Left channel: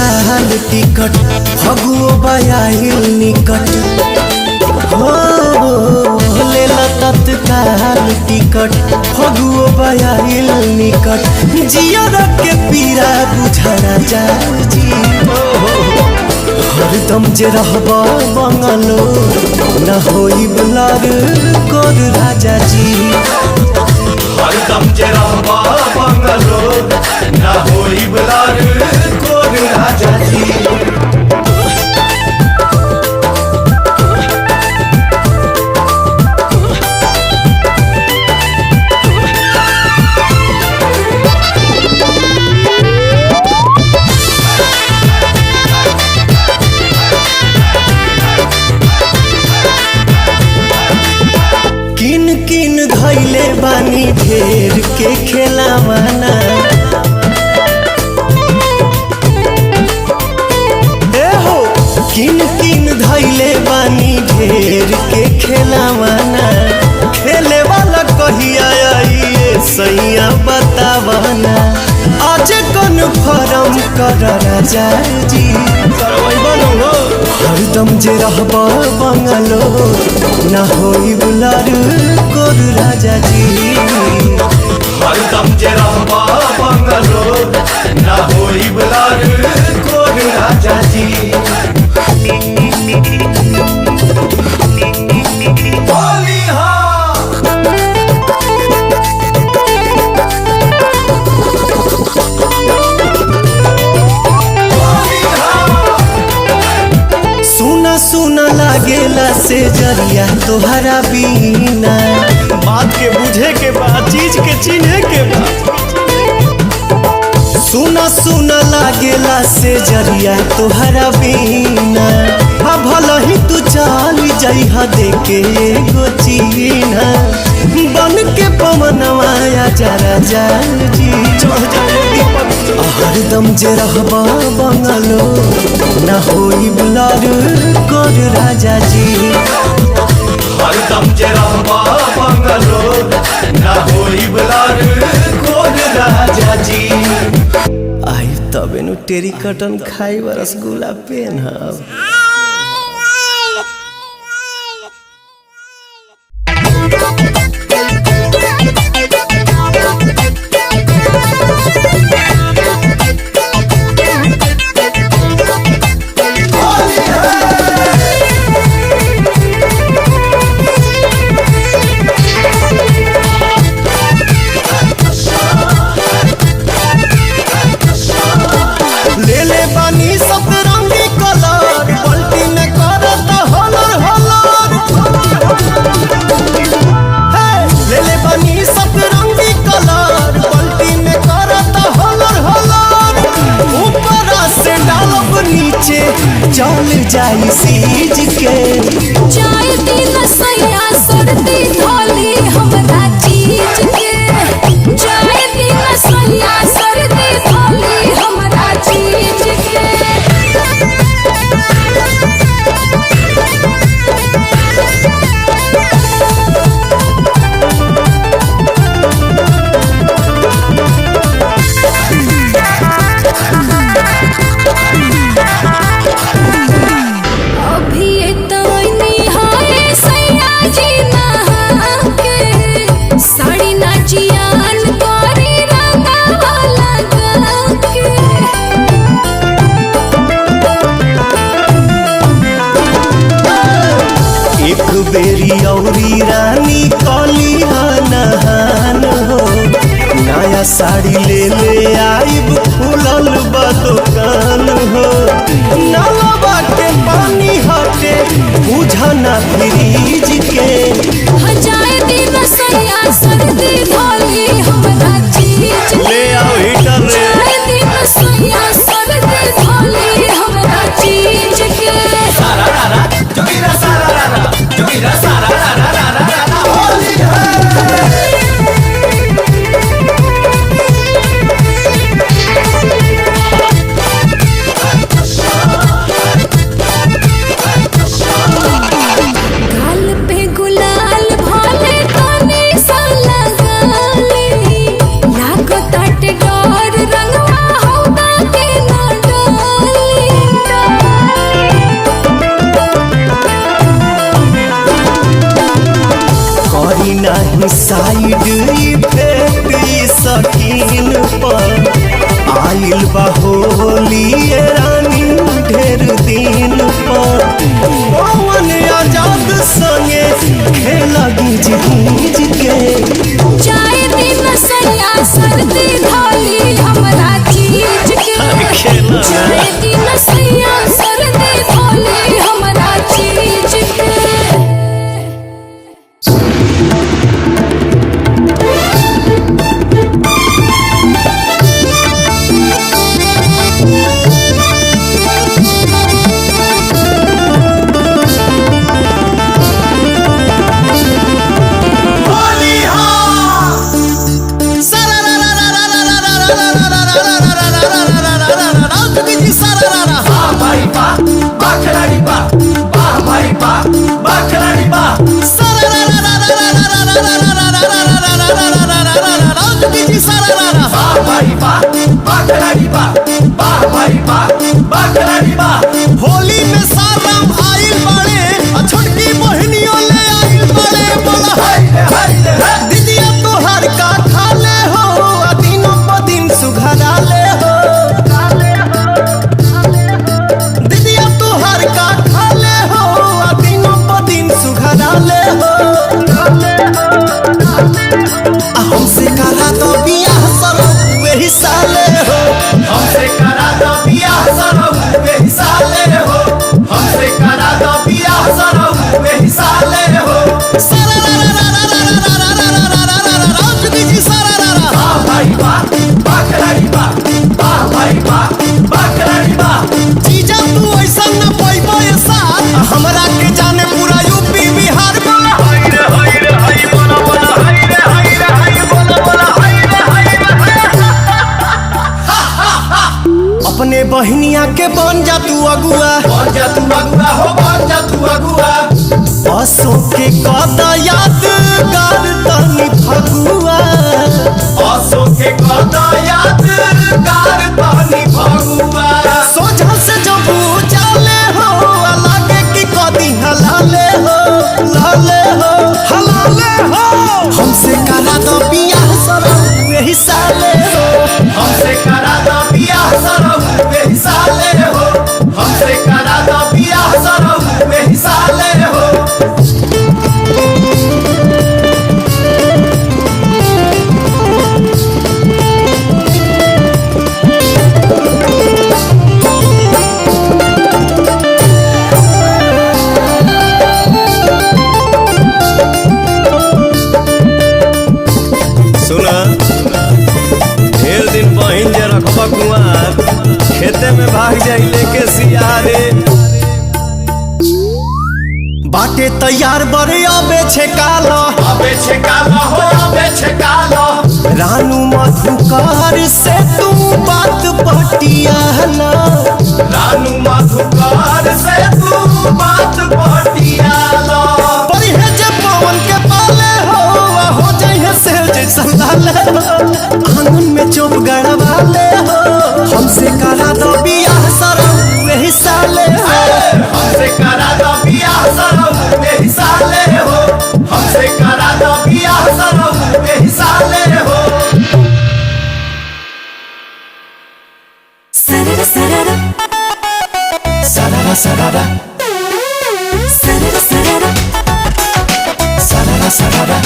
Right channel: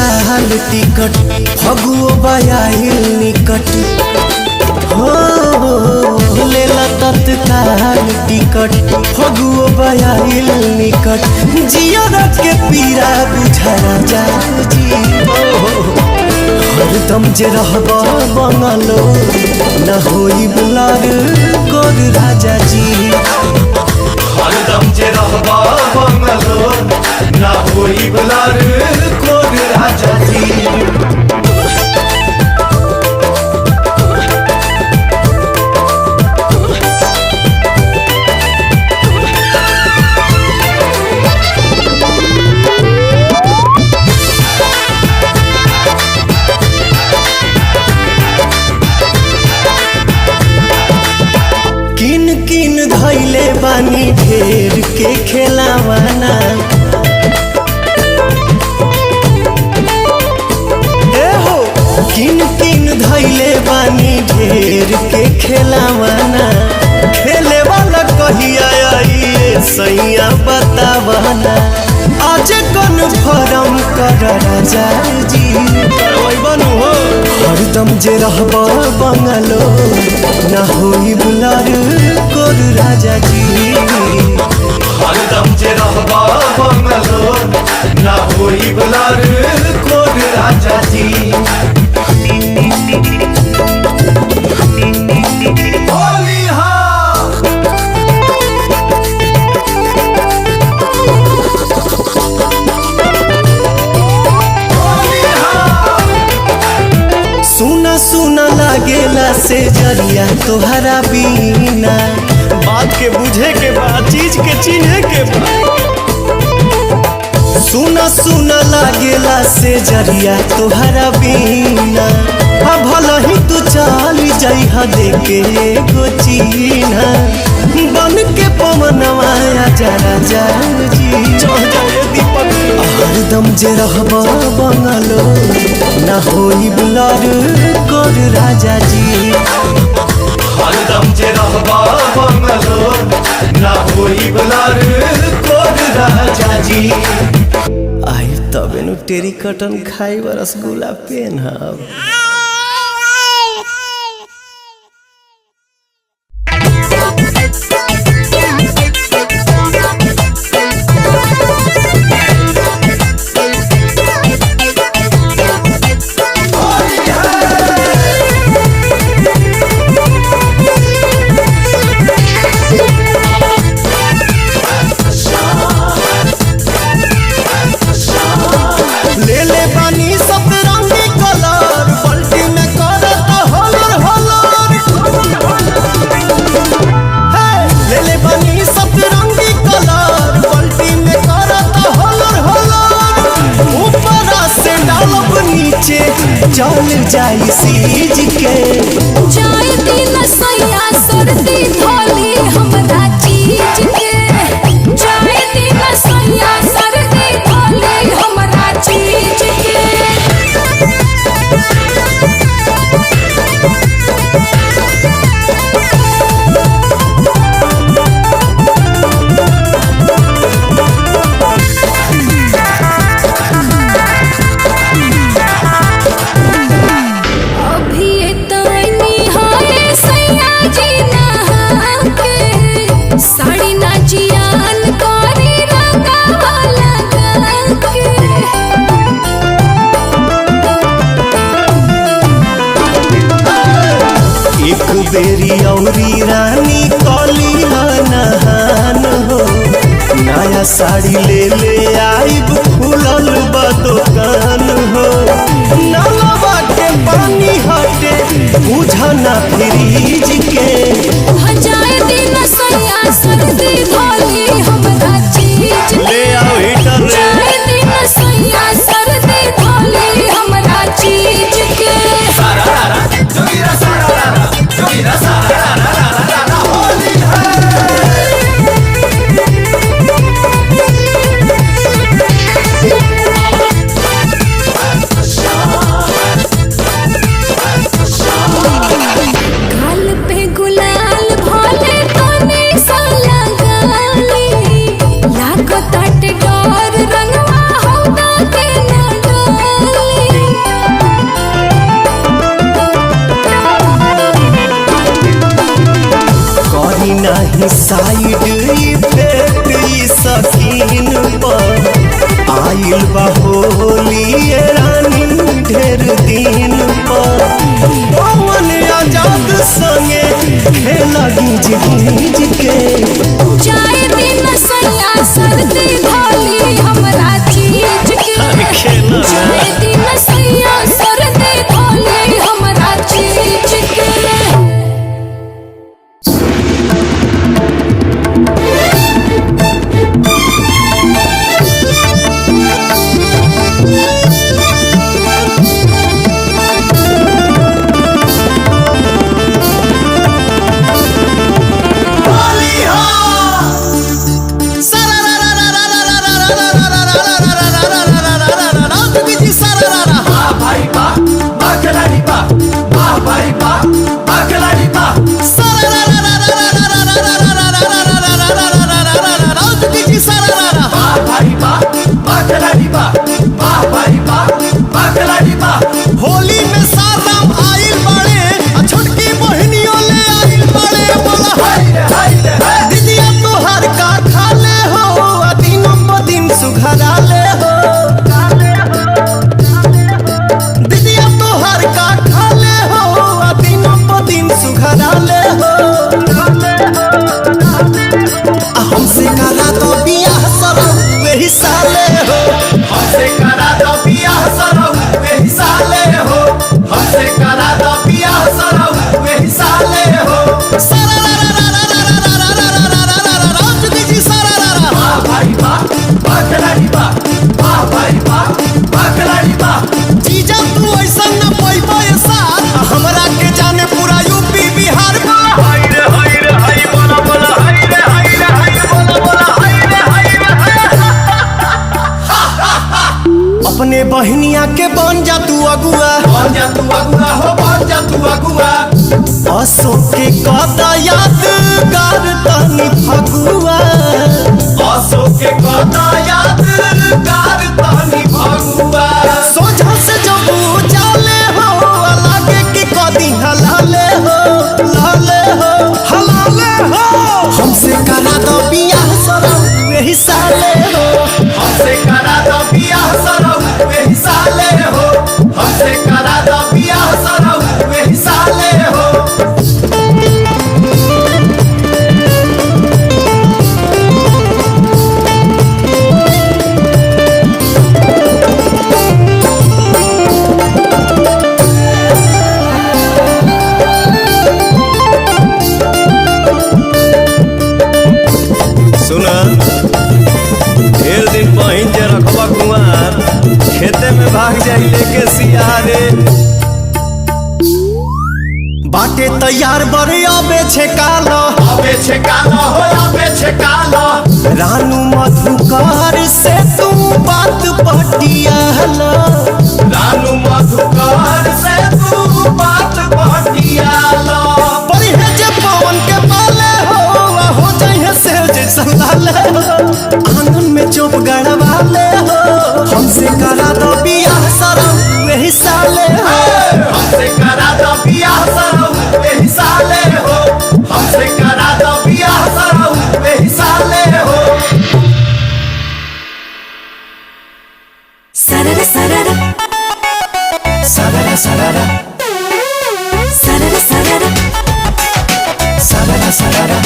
तत्काल टिकट फगुओ बयाइल निकट हो लेला तत्काल टिकट फगुओ बयाइल निकट जियर के पीरा बुझरा जाजी हरदम जे रहबा बंगलो न होई बुलार गोर राजा जी हरदम जे रहबा बंगलो ना होई बुलार गोर राजा जी। किन किन धैले बानी ढेर के खेलावाना ए हो किन किन धैले बानी ढेर के खेलावाना खेले वाला कहिया आइए सैया बतावाना आज कन्फर्म कर राजा जी बनू हो हरदम जे रहबा बंगलो ना होई बुलार गोर राजा जी हरदम जे रहबा बंगलो ना होई बुलार गोर राजा जी। होली हा सुना सुना लागेला से जरिया तोहरा बीना बात के बुझे के बा चीज के चिन्हे के बा सुना सुना लागेला से जरिया तोहरा बीना भला ही तू चल जाइहा देके एगो चीना बन के पवनवा जा राजा जी चढ़ जाए दीपक हरदम जे रहबा बंगलो ना होई बुलार गोर राजा जी हरदम जे रहबा बंगलो ना होई बुलार गोर राजा जी। आई तबे नु टेरी कटन खाई रसगुल्ला पेनहब। ले ले बानी सतरंगी कलर पलटी में करत हलर हलर ले ले बानी सतरंगी कलर पलटी में करत हलर हलर ऊपर से डालब नीचे चल जाई सीज के चाय दिन सैया सर्दी धोली हमरा चीज के चाय दिन सैया सर्दी धोली हमरा चीज के अभी तनी हाय सैया जी नहा के साड़ी ना जियान करी रंगावा लगा के एक बेरी औरी रानी कली नहान हो नया साड़ी ले ले आइब खुलल बा दुकान हो नलवा के पानी हटे बुझना फ्रीज के हजाए दिन सैया सर्दी धोली हमरा चीज ले आओ हीटर रे चाय दिन सैया सर्दी धोली हमरा चीज के गाल पे गुलाल भोले तने सा लगाली लागो ताटे डोर रंगवा नहीं साइड इफेक्ट ई सकीन पर आइल बा होली ये रानी ढेर दिन पर पवन आजाद संगे खेला गीज गीज के जाए दिन सैया सर्दी धोली हमरा चीज के खेला जाए दिन सैया सर्दी धोली हमरा चीज के होली में साराम आइल बाड़े छोटकी बहनियों ले आइल बाड़े बोला दीदिया तोहर का खा ले हो दिनों प दिन सुघरा ले हो दीदिया तोहर का खा ले हो दिनों प दिन सुघरा ले हो हमसे करा तो बियाह सरो वही साले हो हमसे करा दो बियाह सरो वही साले हो हमसे करा दो बियाह सरो वही साले हो सारा रा रा रा रा रा रा रा रा रा रा रा रा रा चुकी जी सारा रा रा वाह भाई वाह बाखलारी वाह भाई वाह बाखलारी वाह जीजा तू ऐसा न पैबो ये साथ हमरा के जाने पूरा यूपी बिहार बोला हाय रे हाय बोला बोला हाय रे हाय बोला बोला हाय रे अपने बहनिया के बन जा तू अगुआ बन जा तू अगुआ हो बन जा तू अगुआ असो के कदा यादगार तनी फगुआ आसो के कदा यादगार तनी फगुआ सोझा से जब जाले हो लागे कि कदी हलाले हो लाले हो हलाले हो हमसे करा दो बियाह सरो वही साले हो हमसे करा दो बियाह सरो वही साले हो हमसे करा दो बियाह सरो वही साले हो सुना ढेर दिन बहिन जे रखबा कुआर खेते में भाग जाई लेके सियारे बाटे तैयार बड़े अबे छे काला अबे छकाला हो अबे छकाला रानू मधुकार से तू बात पटियाला रानू मधुकार से तू बात पटियाला परिहे जे पवन के पाले हो जाइए से जैसा लाले हो आंगन में चोप गड़वा ले हो हमसे करा दो बियाह सरो वही साले हो हमसे करा दो बियाह सरो वही साले हो हमसे करा दो बियाह सरो वही साले हो सरर सरर सररा सररा सरर सरर सररा सररा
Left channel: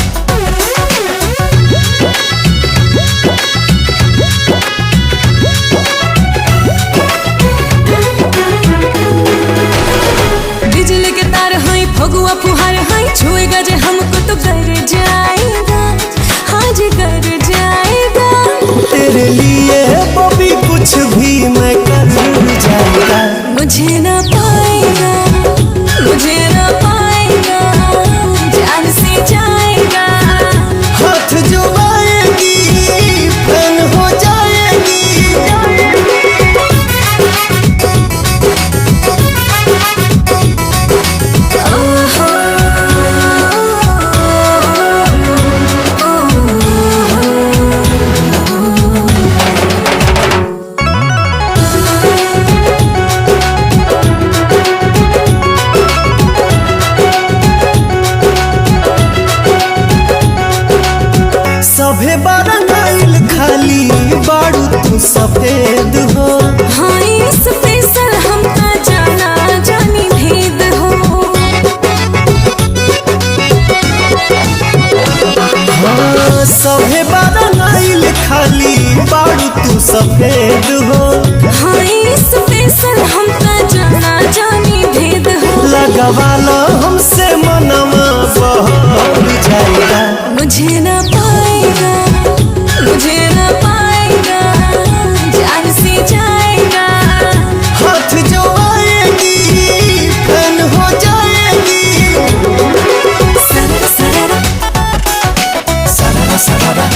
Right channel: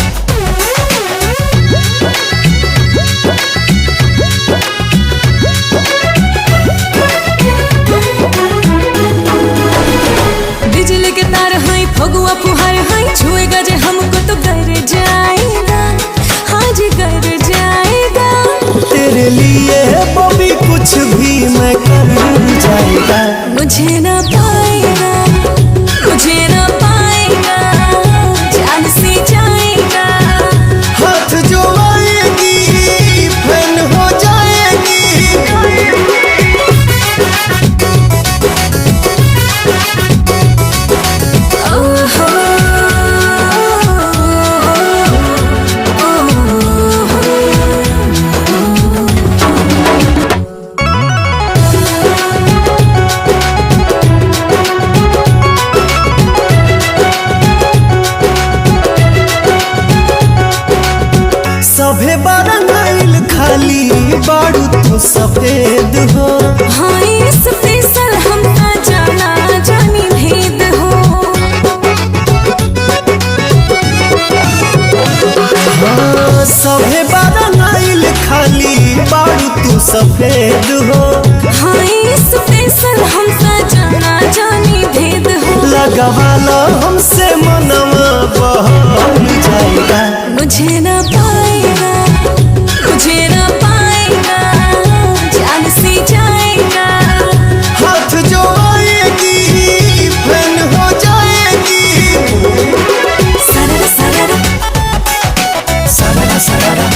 बिजली के तार हैं फगुआ फुहार हैं छुएगा जे हमको तो गर जाएगा हाँ जी गर जाएगा तेरे लिए बबी कुछ भी मैं कर जाएगा मुझे ना पाएगा मुझे ना पाएगा जान से जाएगा हाथ जो आएगी फैन हो जाएगी ओहो तू सफेद हो। हाँ स्पेशल हम का जाना जानी भेद हो। हाँ सभे बारा नाइल खाली बारू तू सफेद हो। हाँ स्पेशल हम का जाना जानी भेद हो। लगवाला हमसे मनवा बहल जाएगा। मुझे ना पाएगा, मुझे ना पाएगा, जान से जाएगा। हाथ जो आएगी फैन हो जाएगी। सरर सरर सरा सरा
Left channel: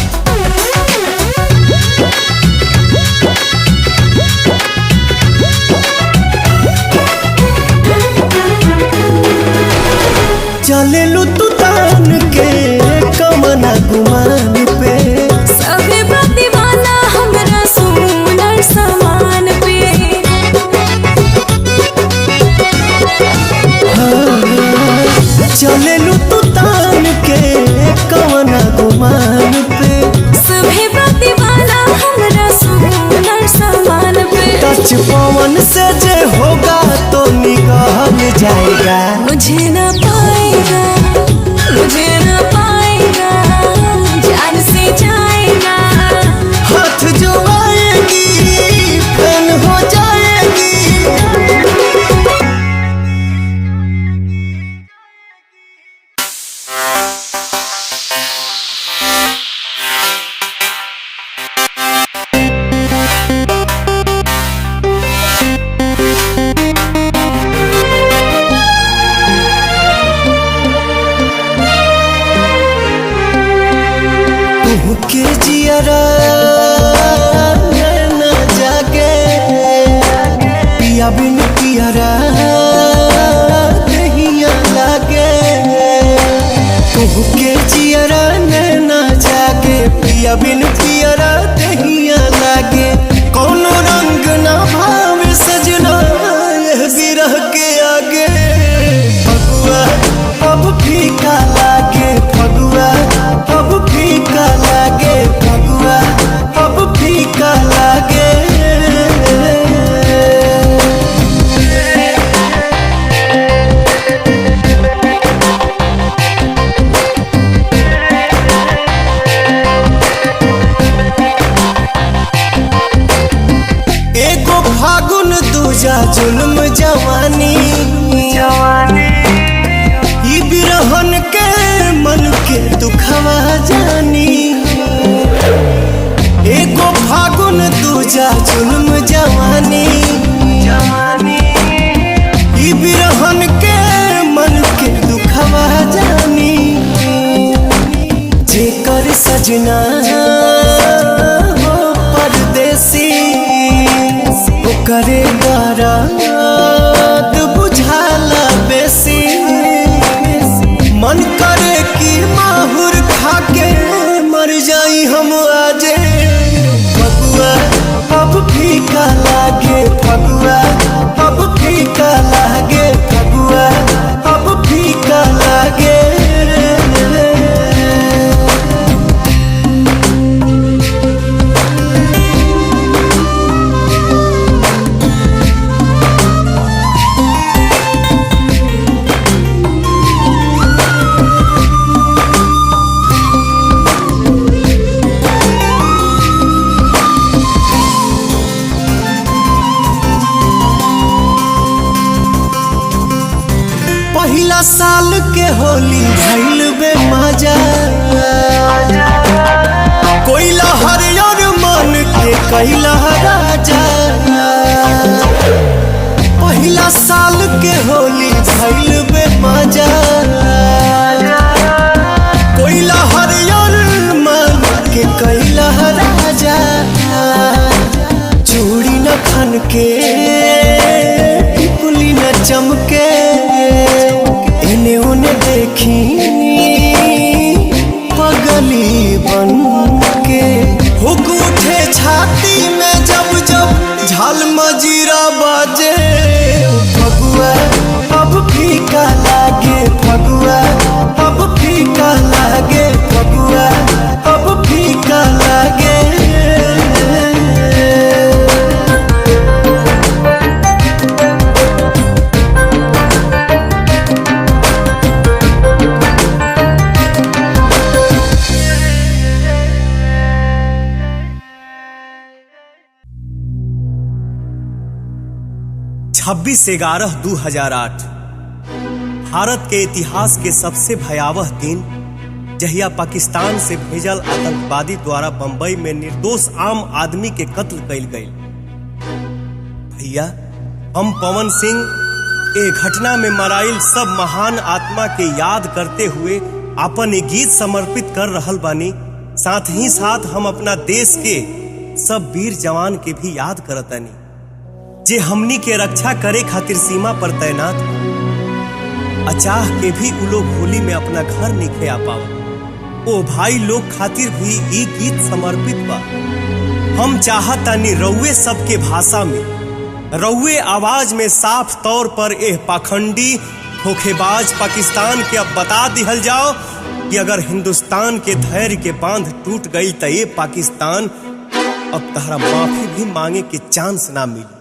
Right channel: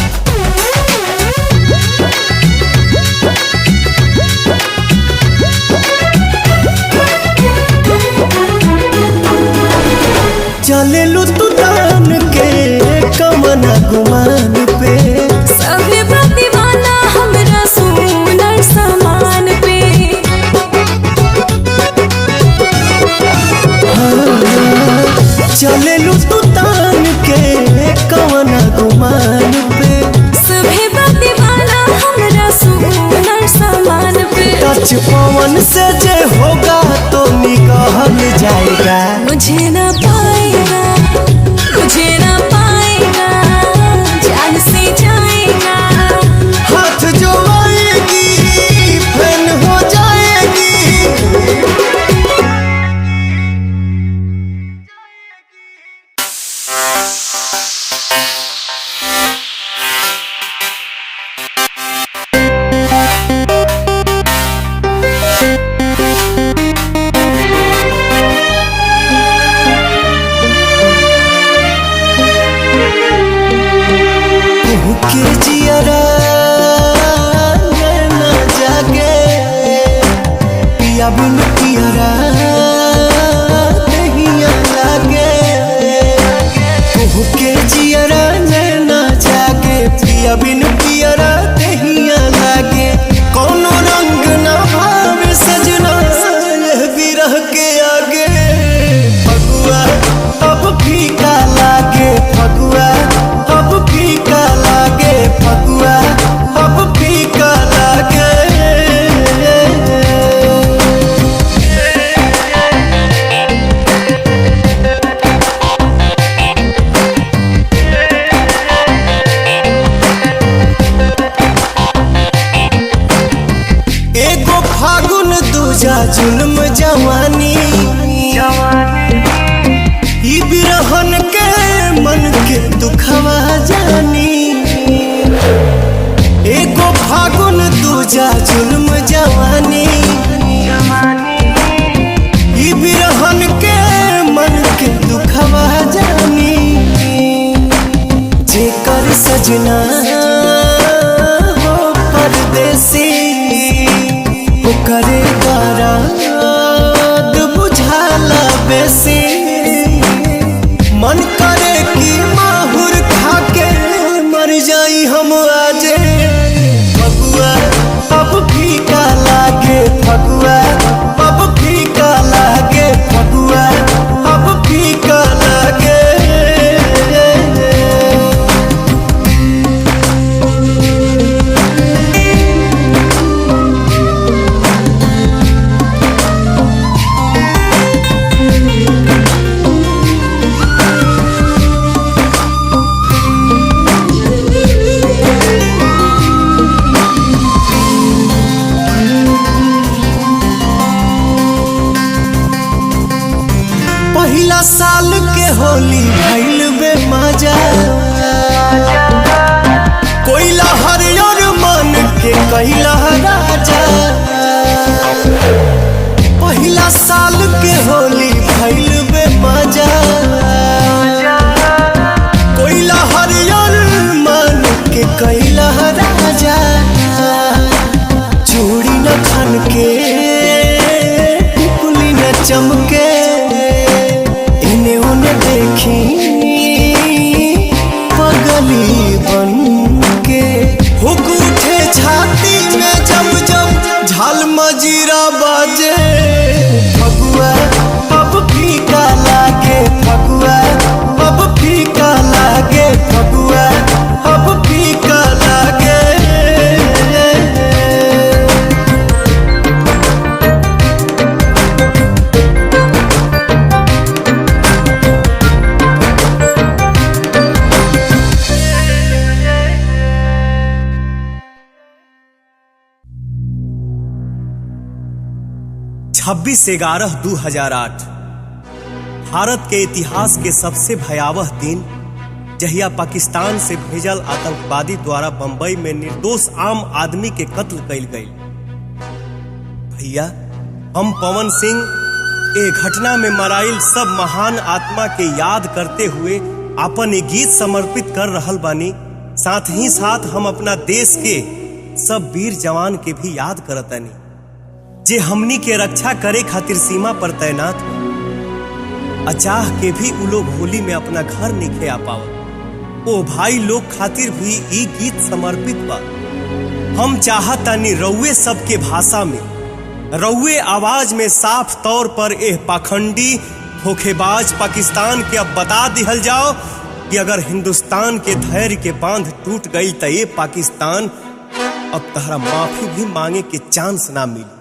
चलेलू तू तान के कमना गुमान पे। सभी दीवाना हमरा सुनर सामान पे। चलेलू तू तान के कमना गुमान पे। सभी दीवाना हमरा सुनर सामान पे। टच पवन से जे होगा तो निकल जाएगा। मुझे ना पाएगा, मुझे ना पाएगा, जान से जाएगा। हाथ जो आएगी फैन हो जाएगी। तू के जियरा नैना जागे पिया बिन पियरा दहिया लागे। तू के जियरा नैना जागे पिया बिन पियरा दहिया लागे। कोनो रंग ना भावे सजना यह विरह के आगे। फगुआ अब फीका लागे, फगुआ अब फीका लागे, फगुआ अब फीका लागे। एगो फागुन दूजा जुल्म जवानी। ई बिरहन के मन के दुखवा जानी। एगो फागुन दूजा जुल्म जवानी। ई बिरहन के मन के दुखवा जानी। जेकर सजना हो परदेसी ओकरे दर्द बुझाला बेसी। मन करे कि माहुर खाके मर जाई हम आजे। फगुआ अब फीका लागे, फगुआ अब फीका लागे, फगुआ अब फीका लागे। पहिला साल के होली भइल बे मजा। कोइला हरियर मन के कैला राजा। पहिला साल के होली भइल बे मजा। कोइला हरियर मन के कैला राजा। चूड़ी न खन के टिकुली न चमके। इन्हें उन्हें देखी पगली बन के। हुक उठे छाती में जब जब झाल मजीरा बाजे। फगुआ अब फीका लागे, फगुआ अब फीका लागे, फगुआ अब फीका लागे। 26/11/2008 भारत के इतिहास के सबसे भयावह दिन, जहिया पाकिस्तान से भेजल आतंकवादी द्वारा बंबई में निर्दोष आम आदमी के कत्ल कइल गई। भैया, हम पवन सिंह ए घटना में मराइल सब महान आत्मा के याद करते हुए अपन एक गीत समर्पित कर रहल बानी। साथ ही साथ हम अपना देश के सब वीर जवान के भी याद करतानी, जे हमनी के रक्षा करे खातिर सीमा पर तैनात बा। अचाह के भी उ लोग होली में अपना घर निखे आ पावत। ओ भाई लोग खातिर भी ई गीत समर्पित बा। हम चाहतानी रउए सबके भाषा में, रउए आवाज में साफ तौर पर एह पाखंडी धोखेबाज पाकिस्तान के अब बता दिहल जाओ कि अगर हिंदुस्तान के धैर्य के बांध टूट गई तो ये पाकिस्तान अब तहरा माफी भी मांगे के चांस ना मिली।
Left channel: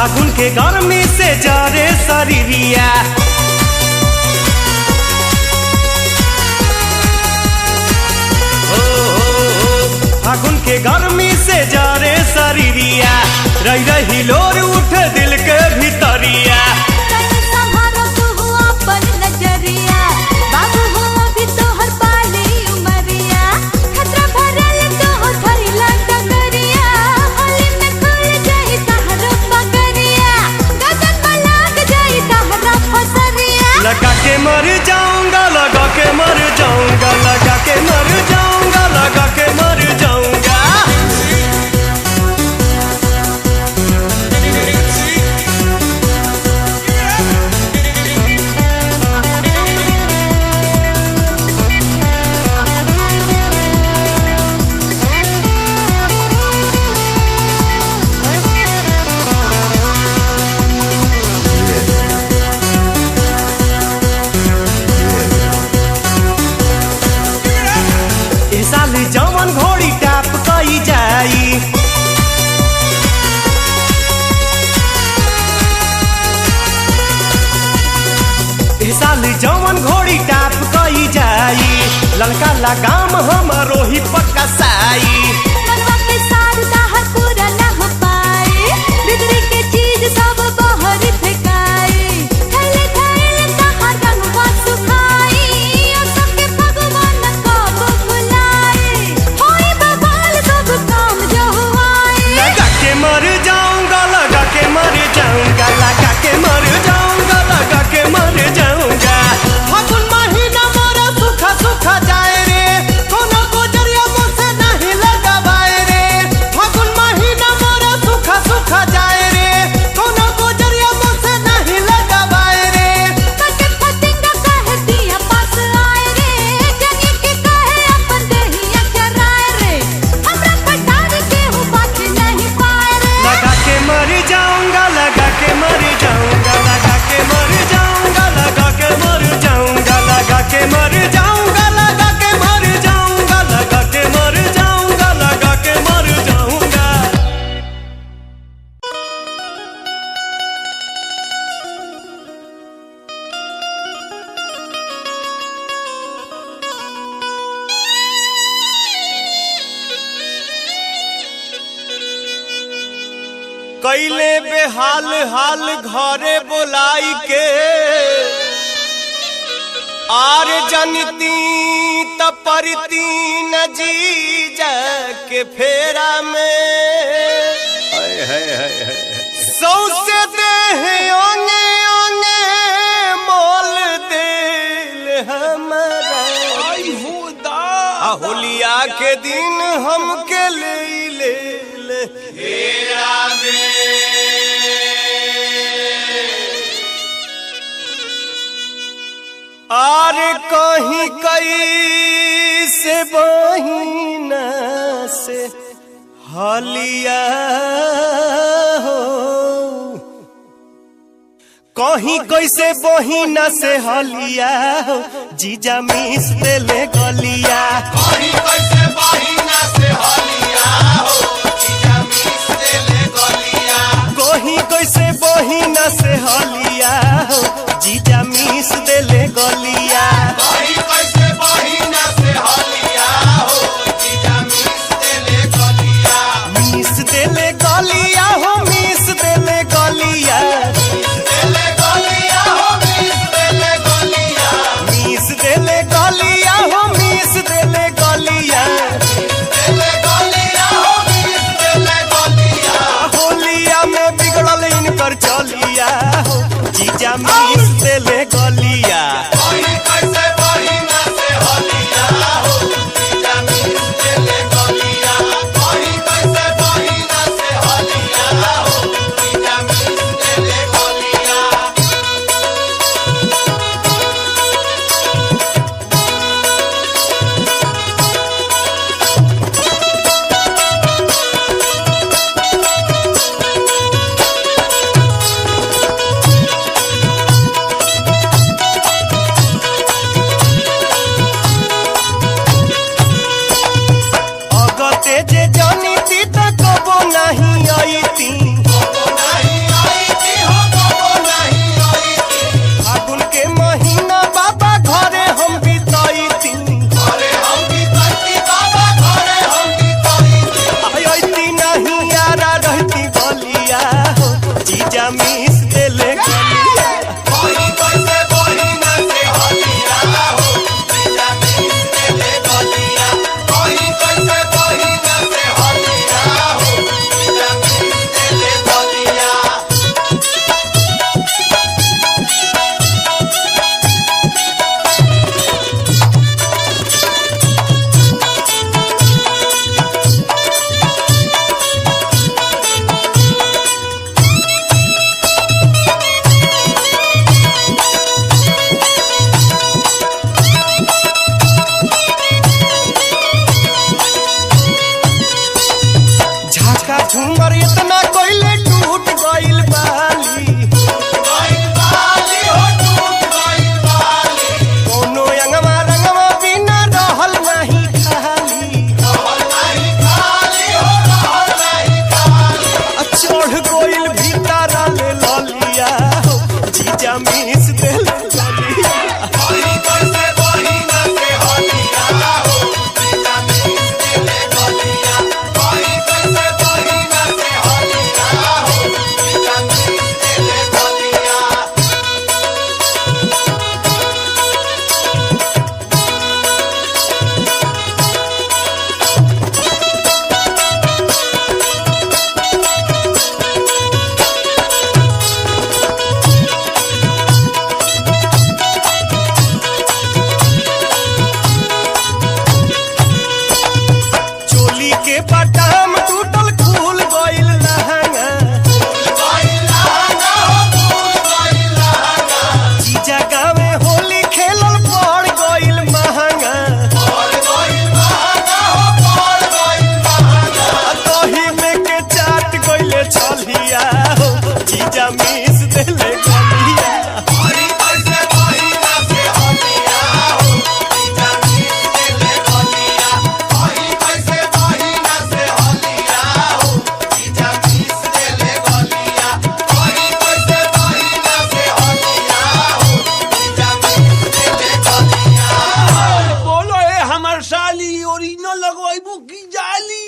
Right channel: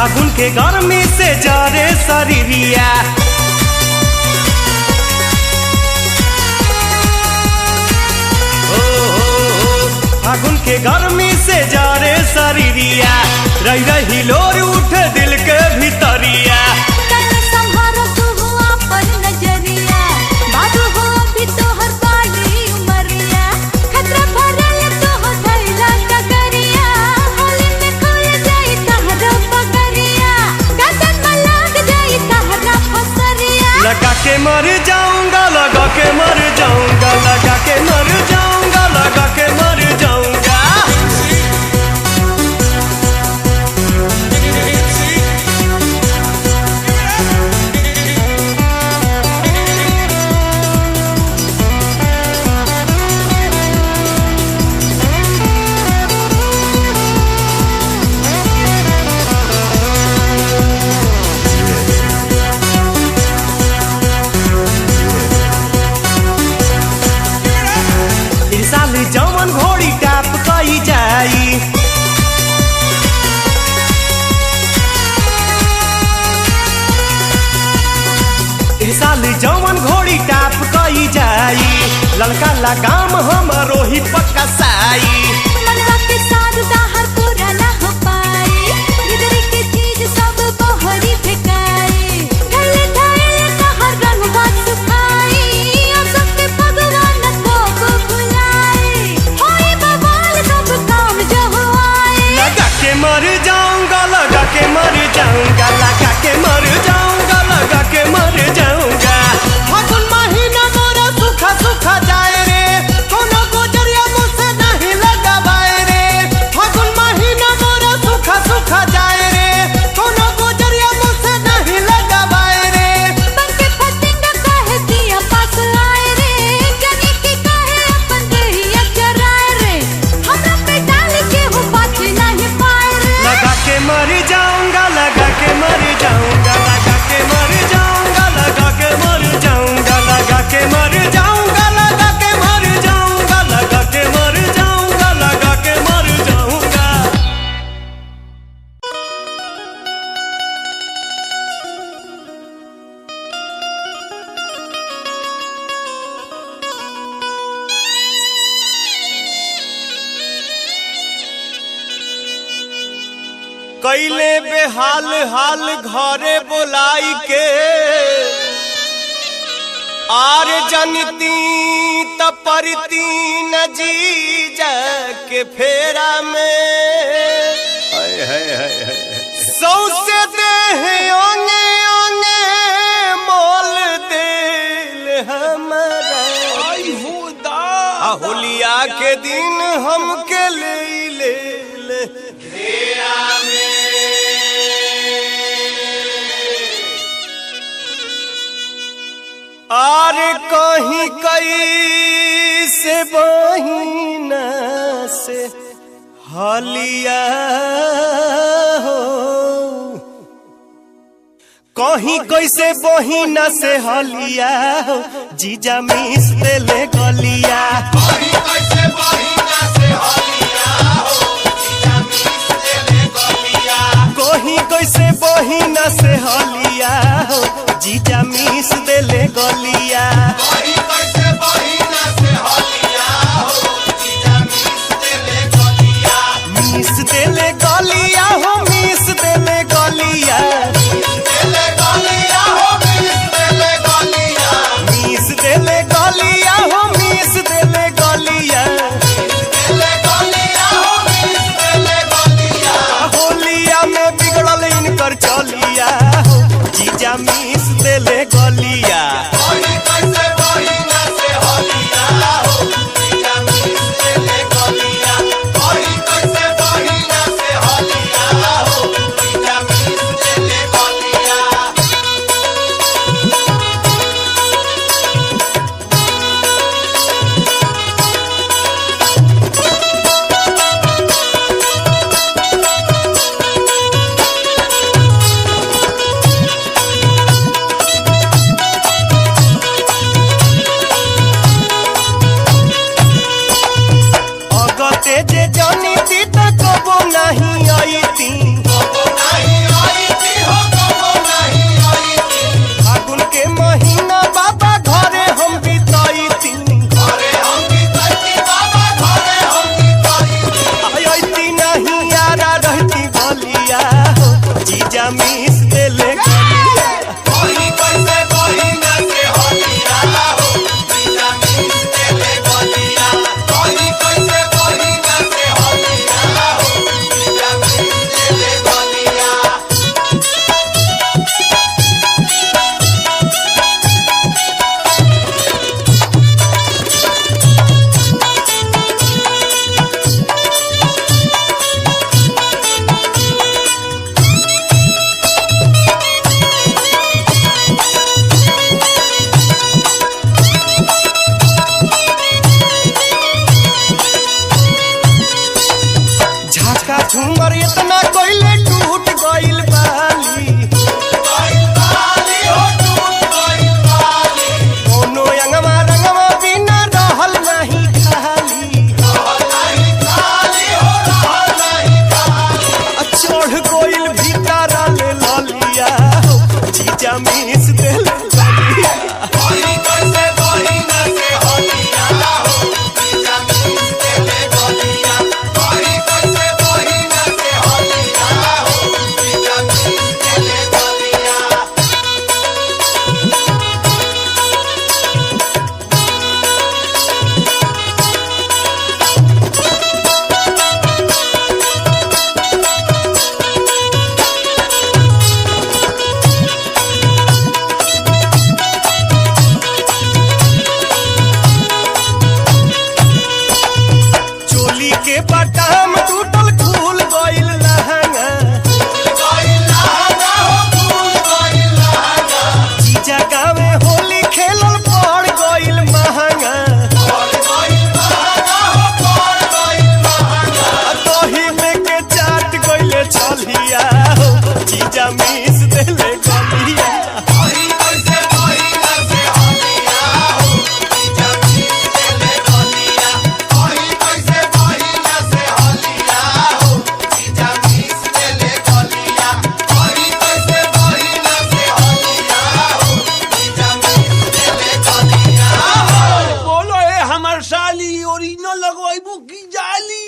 फागुन के गर्मी से जरे शरीरिया फागुन के गर्मी से जरे शरीरिया रही रही लोर उठ दिल के भीतरिया लगा के मर जाऊंगा लगा के मर जाऊंगा लगा के मर जाऊंगा लगा के मर जाऊंगा साली जवन घोड़ी टाप कई जाई साली जवन घोड़ी टाप कई जाई ललका लगाम हमरो ही पक्का साई मर जाऊंगा लगा के मर जाऊंगा लगा के मर जाऊंगा लगा के मर जाऊंगा फागुन महीना मोरा सूखा सूखा जाए रे कोनो गुजरिया मुझसे नहीं लगावाए रे फागुन महीना मोरा सूखा सूखा जाए रे कोनो गुजरिया मुझसे नहीं लगावाए रे बाके फटिंग कहे दिया पास आए रे जनी की कहे अपन देहिया कराए रे हमरा पे डाल के हो बच नहीं पाए लगा के मर जाऊंगा लगा के मर जाऊंगा लगा के मर जाऊंगा लगा के मर जाऊंगा लगा के मर जाऊंगा लगा के मर जाऊंगा लगा के मर जाऊंगा लगा के मर जाऊंगा कैले बेहाल हाल घरे बोलाई के आर जनती तपरती न जी के फेरा में सौसे देह ओने ओने मोल दिल हमारा होलिया के दिन हमके ले आर कहीं कई से बहिना से हलिया हो कहीं कैसे बहिना से हलिया हो जीजा मिस देले गलिया कहीं कैसे बहिना से हलिया हो जीजा मिस देले गलिया कहीं कैसे बहिना से हलिया हो जीजा मिस देले गलिया कहीं कैसे बहिना से हलिया हो जीजा मिस देले गलिया हो मिस देले गलिया देले गलिया हो मिस देले गलिया मिस देले गलिया हो मिस देले गलिया देले गलिया हो मिस देले गलिया होलिया में बिगड़ल इनकर चलिया हो जीजा मिस देले गलिया कहीं कैसे बहिना से हलिया हो जीजा मिस देले गलिया कहीं कैसे बहिना से हलिया हो जीजा मिस देले गलिया जे जानी ती तो कबो नहीं आई ती जीजा मीस देले गलिया कोई कैसे बहिना से होलिया हो जीजा मीस देले गलिया कोई कैसे बहिना से होलिया हो जीजा मीस देले गलिया झाका झूमर इतना कोइले टूट गइल बाली गइल बाली हो टूट गइल बाली कोनो अंगवा रंगवा बिना रहल नहीं खाली नहीं खाली हो नहीं खाली चढ़ गइल भीतर ले ललिया हो जीजा मीस देले गलिया कोई कैसे बहिना से होलिया हो जीजा मीस देले गलिया कोई कैसे बहिना से होलिया हो जीजा मीस देले गलिया चोली के बटाम टूटल खुल गइल लहंगा गइल लहंगा हो फूल गइल लहंगा जीजा गावे होली खेलल पड़ गइल महंगा और गइल लहंगा हो पड़ गइल लहंगा दही में के चाट गइले छलिया हो जीजा मीस देले गलिया कोई कैसे बहिना से होलिया हो जीजा मीस देले गलिया कोई कैसे बहिना से होलिया हो जीजा मीस देले गलिया कोई कैसे बहिना से होलिया हो जीजा मीस देले गलिया बोलो ए हमर साली ओरिजिनल लगवाइबू की जाली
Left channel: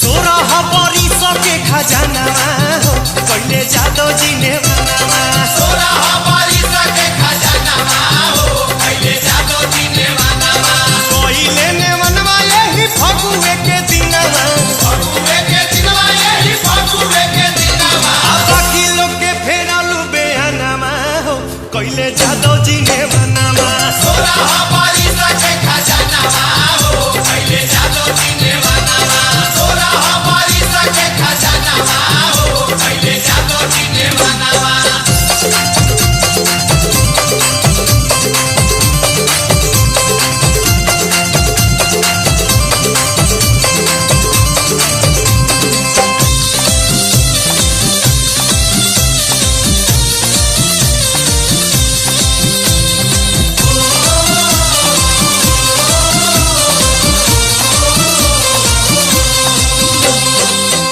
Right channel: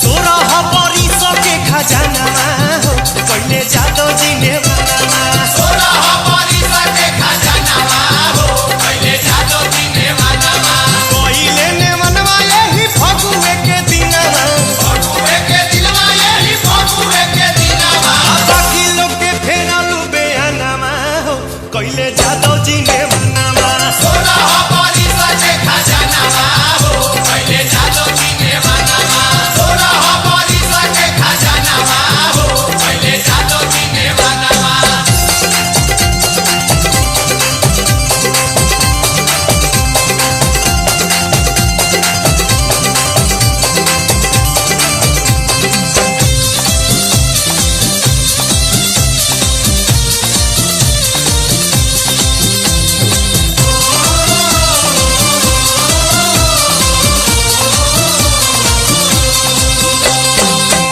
सोरह बरिस के खजानामा हो कइले जादो जी ने मनामा सोना हमारी सके खजानामा हो पहले जादो जी ने मनामा कइले ने मनवा यही फगुए के दिनवा फगुए के दिनवा यही फगुए के दिनवा आ बाकी लोग के फेरलू बेअनामा हो कइले जादो जी ने मनामा सोना हमारी सके खजानामा हो पहले जादो जी ने मनामा सोना हमारी सके खजानामा हो पहले जादो जी ने मनामा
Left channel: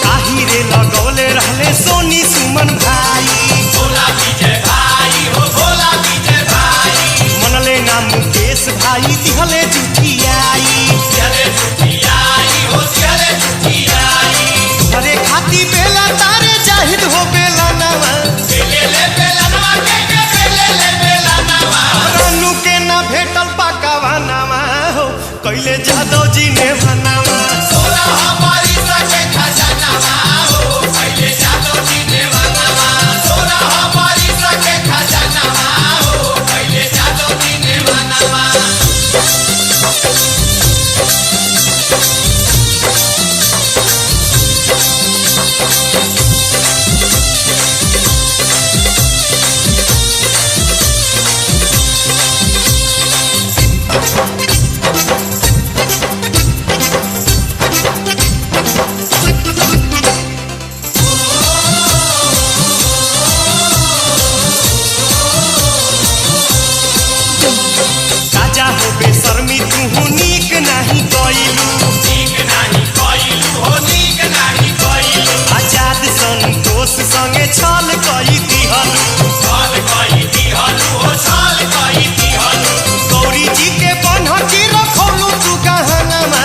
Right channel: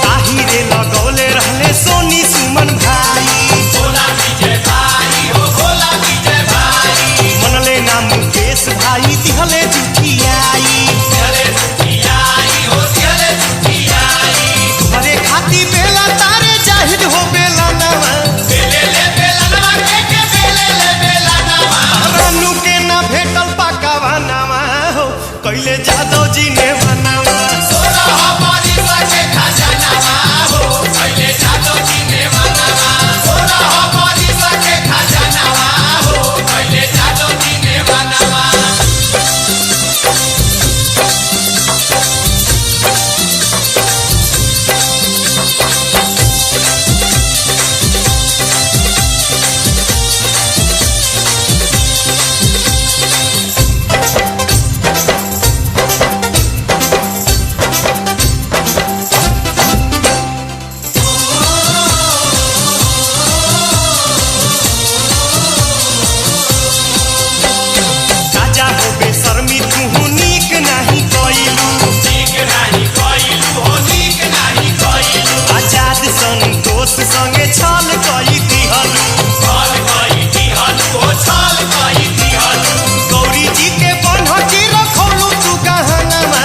ताहिरे लगौले रहले सोनी सुमन भाई भोला विजय भाई हो भोला विजय भाई मनले ना मुकेश भाई दिहले जुठियाई चले छुट्टियाई हो चले छुट्टियाई घरे खाती बेला तारे जाहिद हो बेला नवा बेले ले बेला नवा के बेले ले बेला नवा रानू के ना भेटल पाकावा नामा हो कइले जादो जी ने मनावा सोना हमारी सके खजानामा हो पहले जादो जी ने मनामा सोना हमारी सके खजानामा हो पहले जादो जी ने मनामा कइलू आजाद संतोष संगे छल कई दिहलू गौरी जी के बनहकी रखौलू तू गहनामा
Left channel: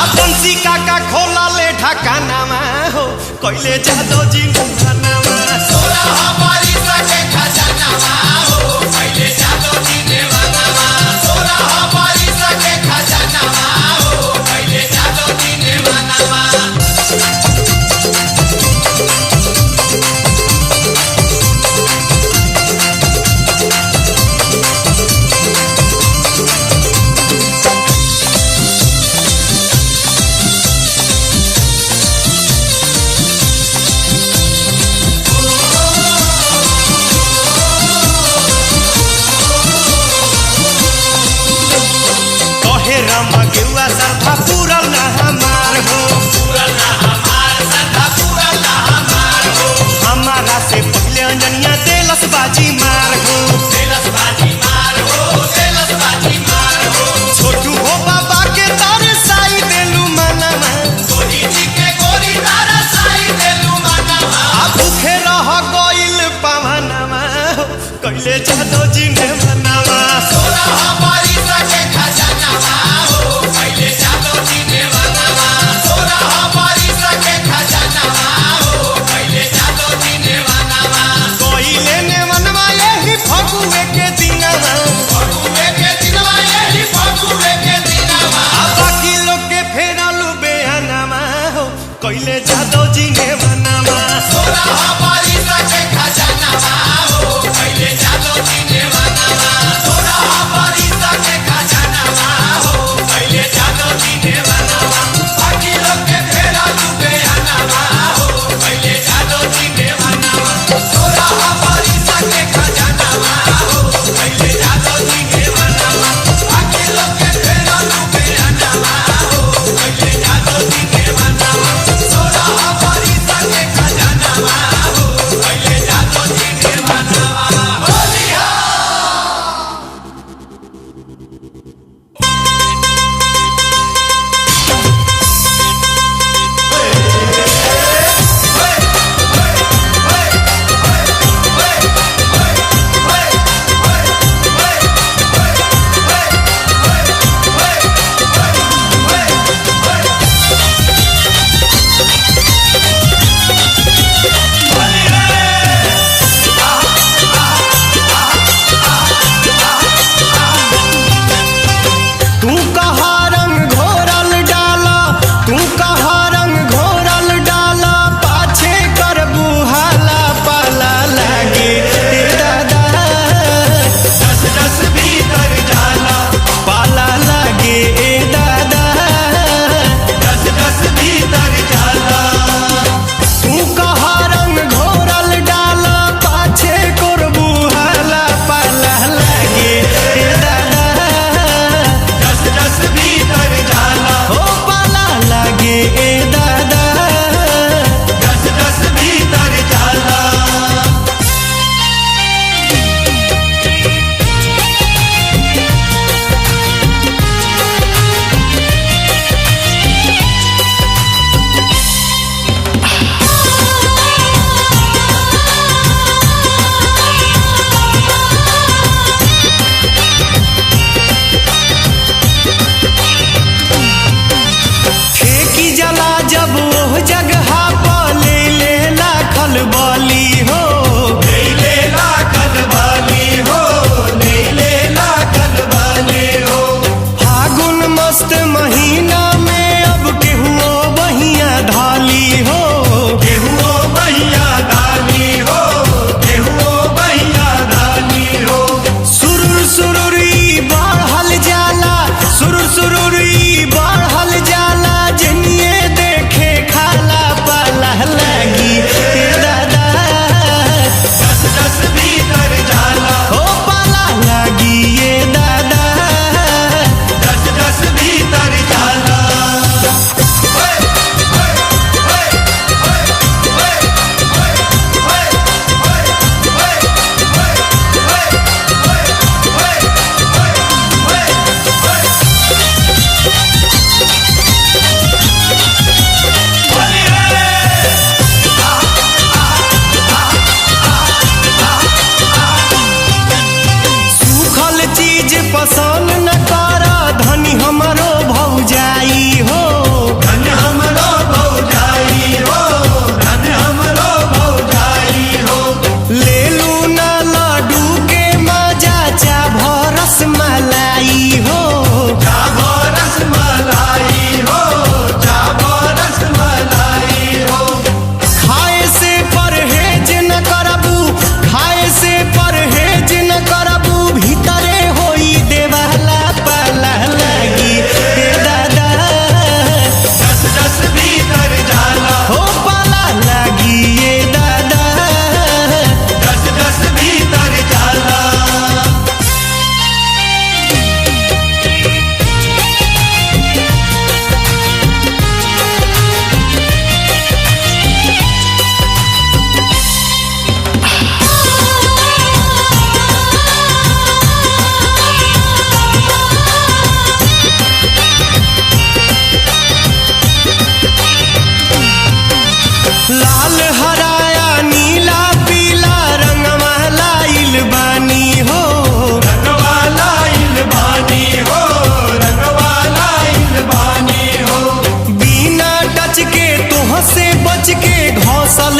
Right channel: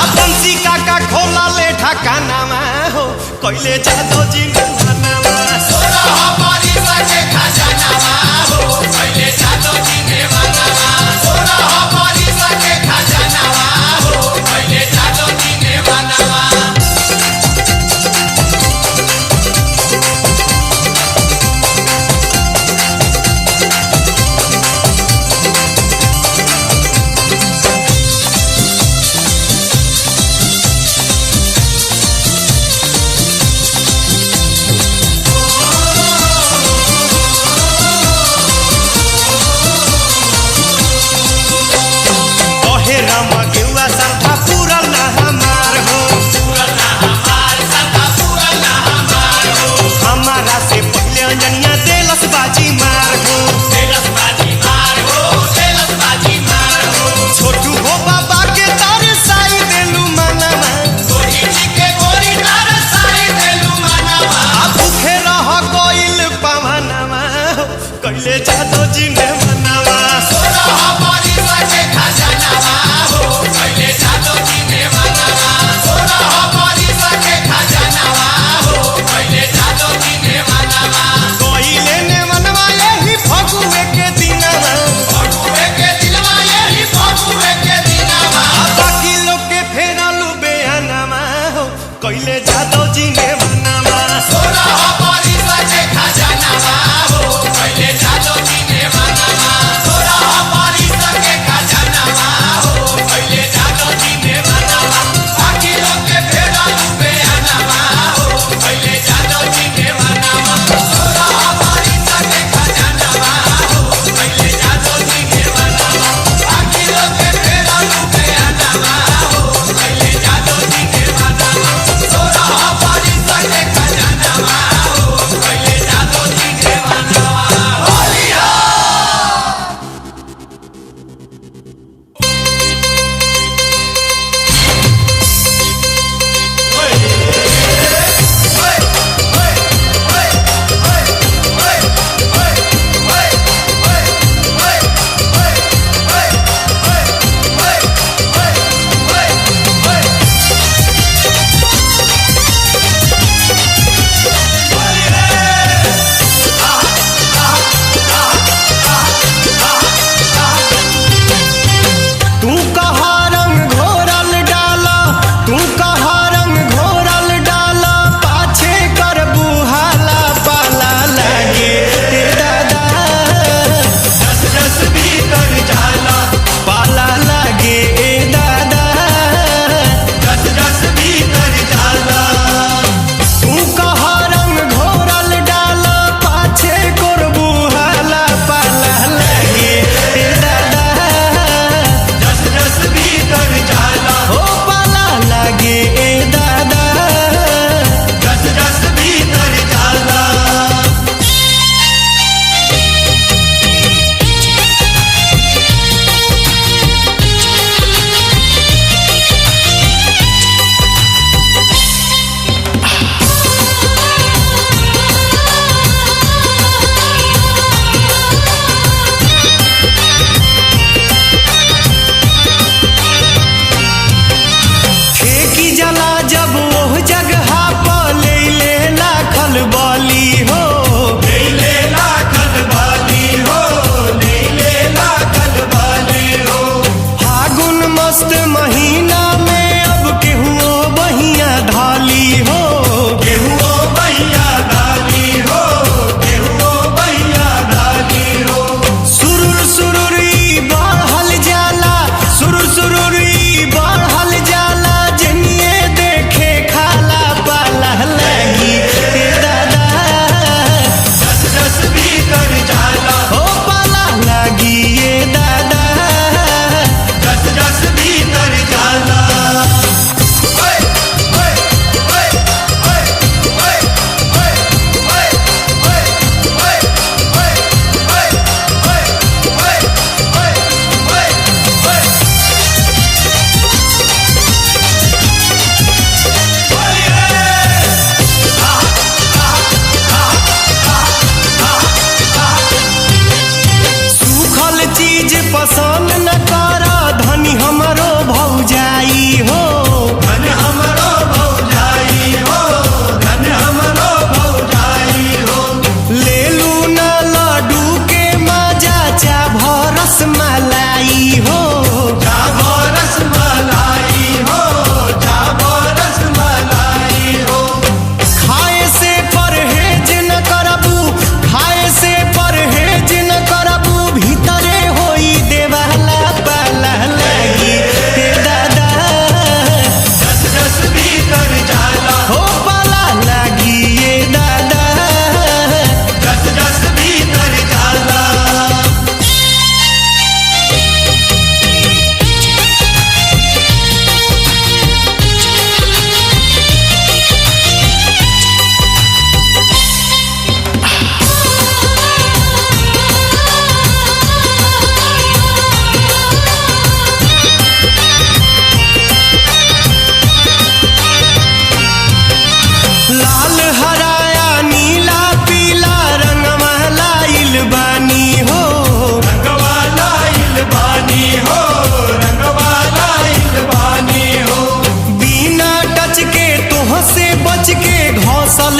आ बंसी काका खोला ले ढकानामा हो कइले जादो जी ने मनामा रामा गेउआ सरधा पूरल ना हमार हो हमारा से पहले अंजनिया देलस बाजी मार हो छोटू हो बाबा के तारे साई देलू मनामा आ भूखे रह गइल पवनमा कइले जादो जी ने मनावा फगुए के दिनवा आ बाकी लोग के फेरलू बेहनामा हो कइले जादो जी ने मनामा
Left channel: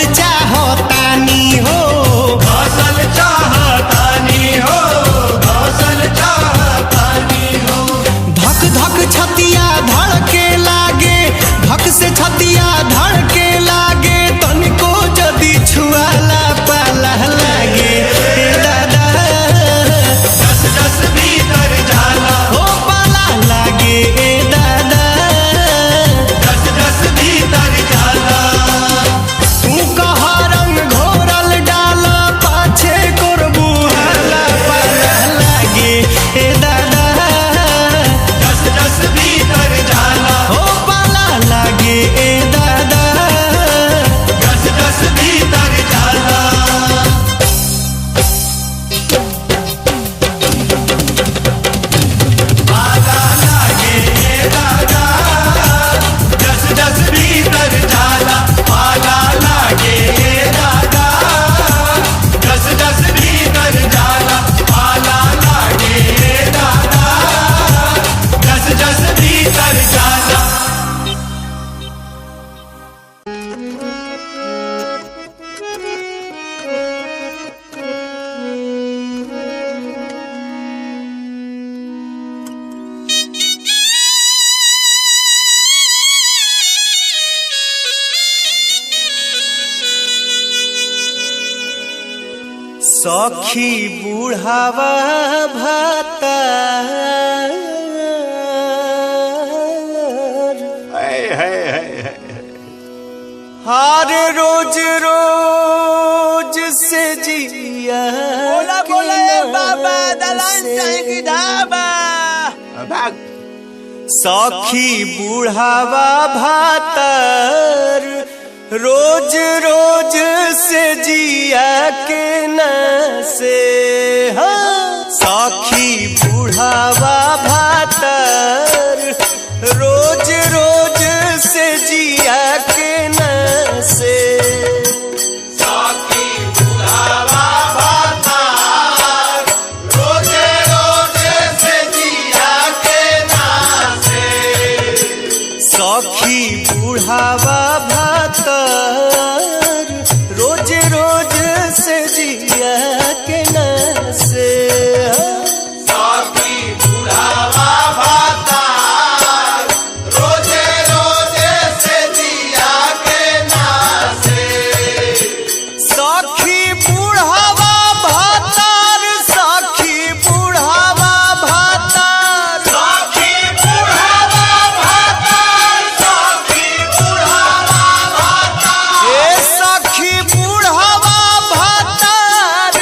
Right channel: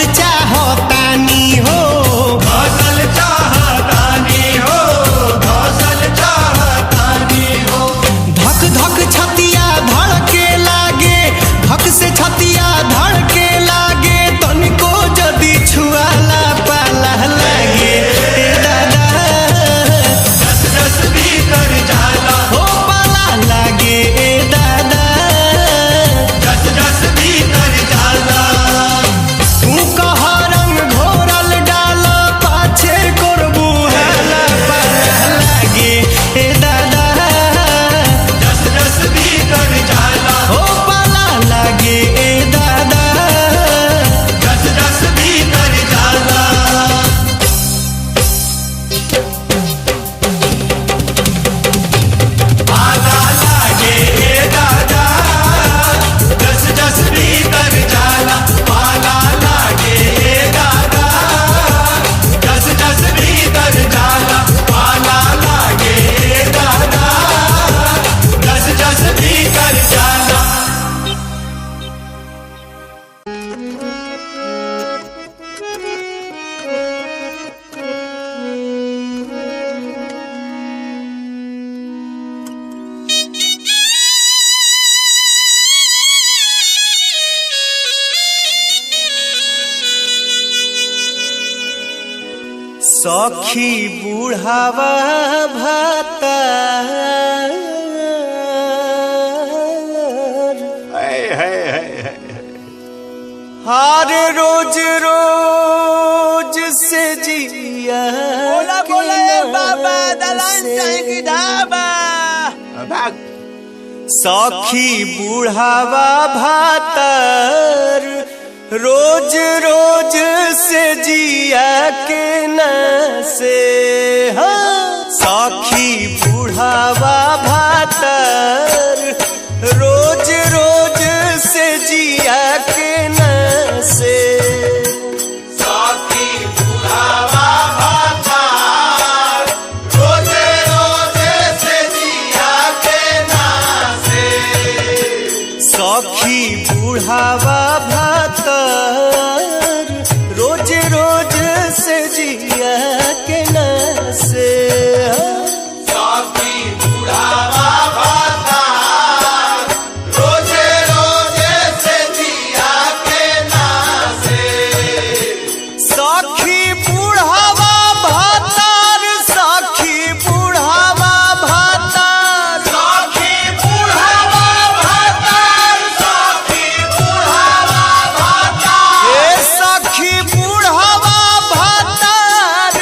घसल चाहतानी हो घसल चाहतानी हो, घसल चाहतानी हो। धक धक छतिया धड़के लागे, धक से छतिया धड़के लागे, तनिको जदि छुआला पाला लागे ए दादा जस जस भीतर जाला हो पाला लागे ए दादा जस जस भीतर जाला। तू कह रंग घोरल डाल पाछे कोरबू हाला पाला लागे ए दादा जस जस भीतर जाला हो पाला लागे ए दादा जस जस भीतर जाला। पाला लागे ए दादा जस जस भीतर जाला, पाला लागे ए दादा जस जस भीतर जाला, पाला लागे ए दादा जस जस भीतर जाला। सखी बुढ़ावा भाता हार रोज रोज से जिया बोला के बोला ए बाबा नाम दलान से। चाहे की ढाबा। भाग। सखी बुढ़ावा भातर रोज रोज से जिया के न से हाँ। सखी बुढ़ावा भातर रोज रोज से जिया के न से साकी बुढ़ावा भातार रोजे रोजे से जिया के नासे। सखी बुढ़ावा भातर रोज रोज से जिया के न से साकी बुढ़ावा भातार रोजे रोजे से जिया के नासे। सखी बुढ़ावा भातर सखी बुढ़ावा भातर साकी बुढ़ावा भातार, साकी बुढ़ावा भातार। ए सखी बुढ़ावा भातर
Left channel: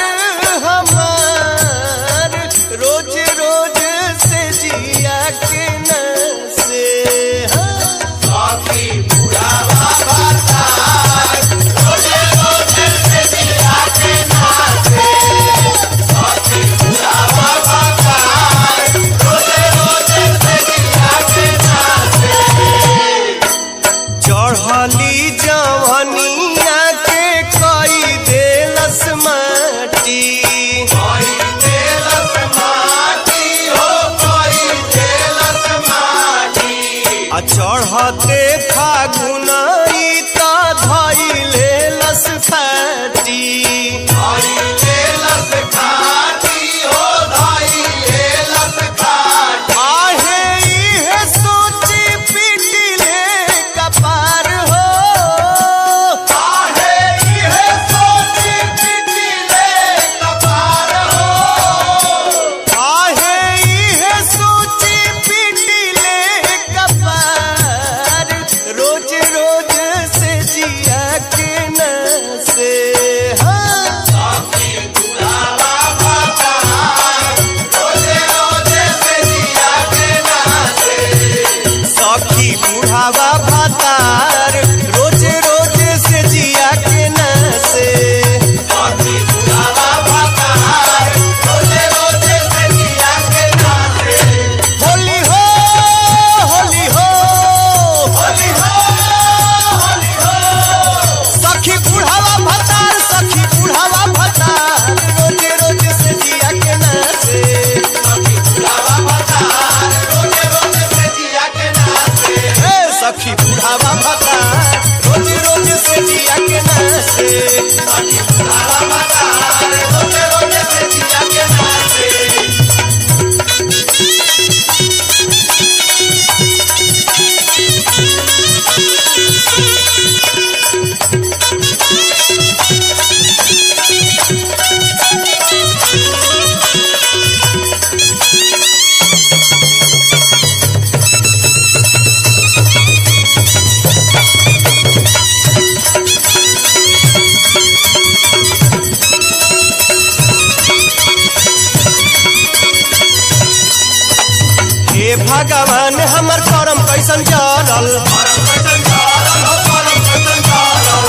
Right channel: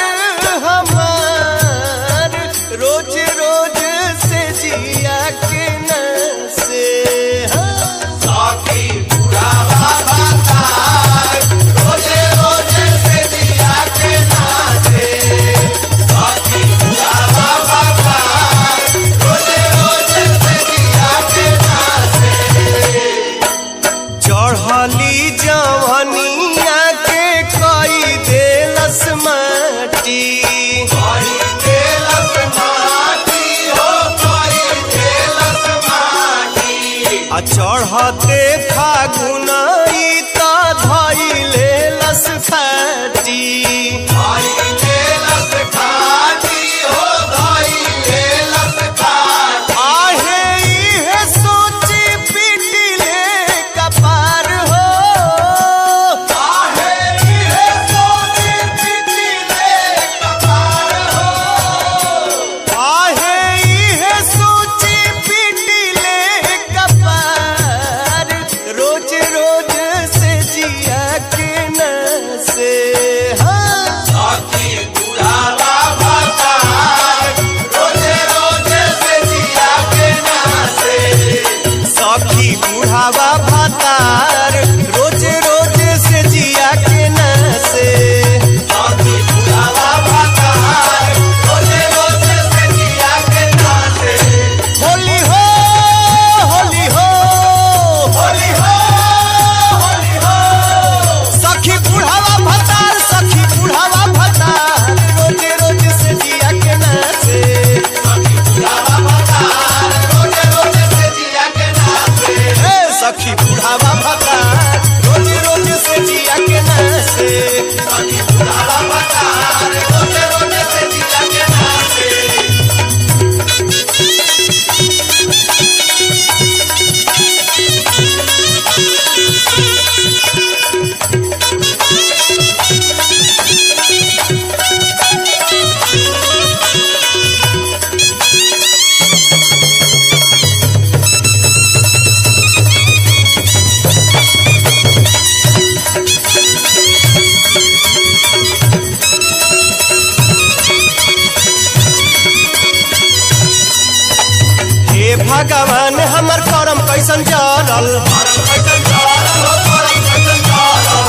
हे भगवान हमर करम कैसन जरल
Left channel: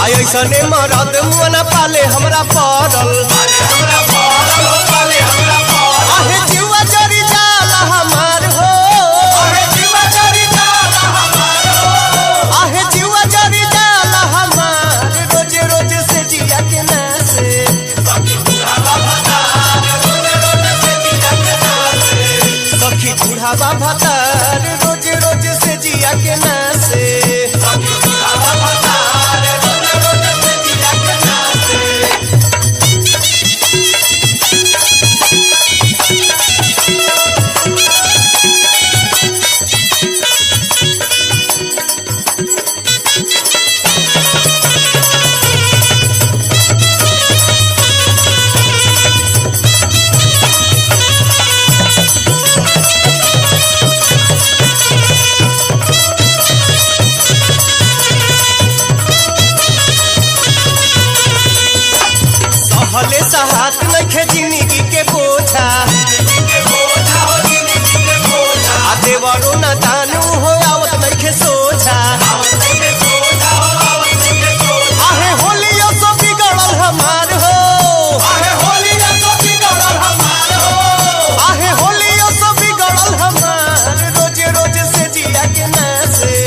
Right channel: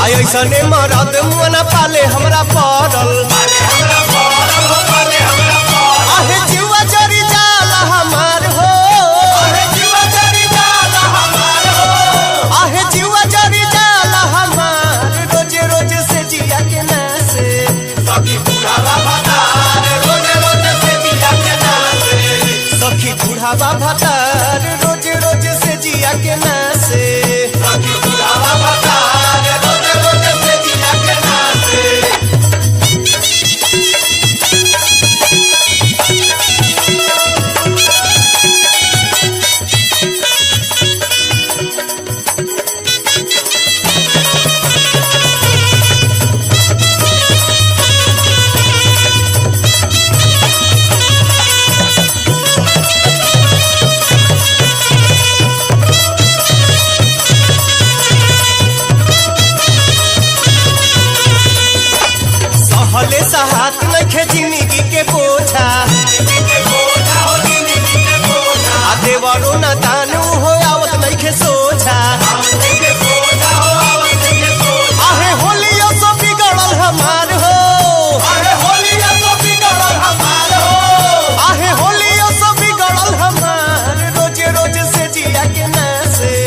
आई ऐसने मरद मुना पाले हमरा पड़ल आहे जीवा जरी जाला हमार हो आहे जीवा जरी जाला हमार रोजे रोजे से जिया के नासे सखी बुढ़ावा भतार रोज रोज से जिया के नासे सहले सहात नखे जिंदगी के बोझा आ देवरो न दानू हो आवत नखे सोझा आहे होलियो सो बिगड़ल हमार हो आहे होलियो सो बिगड़ल हमार रोज रोज से जिया के नासे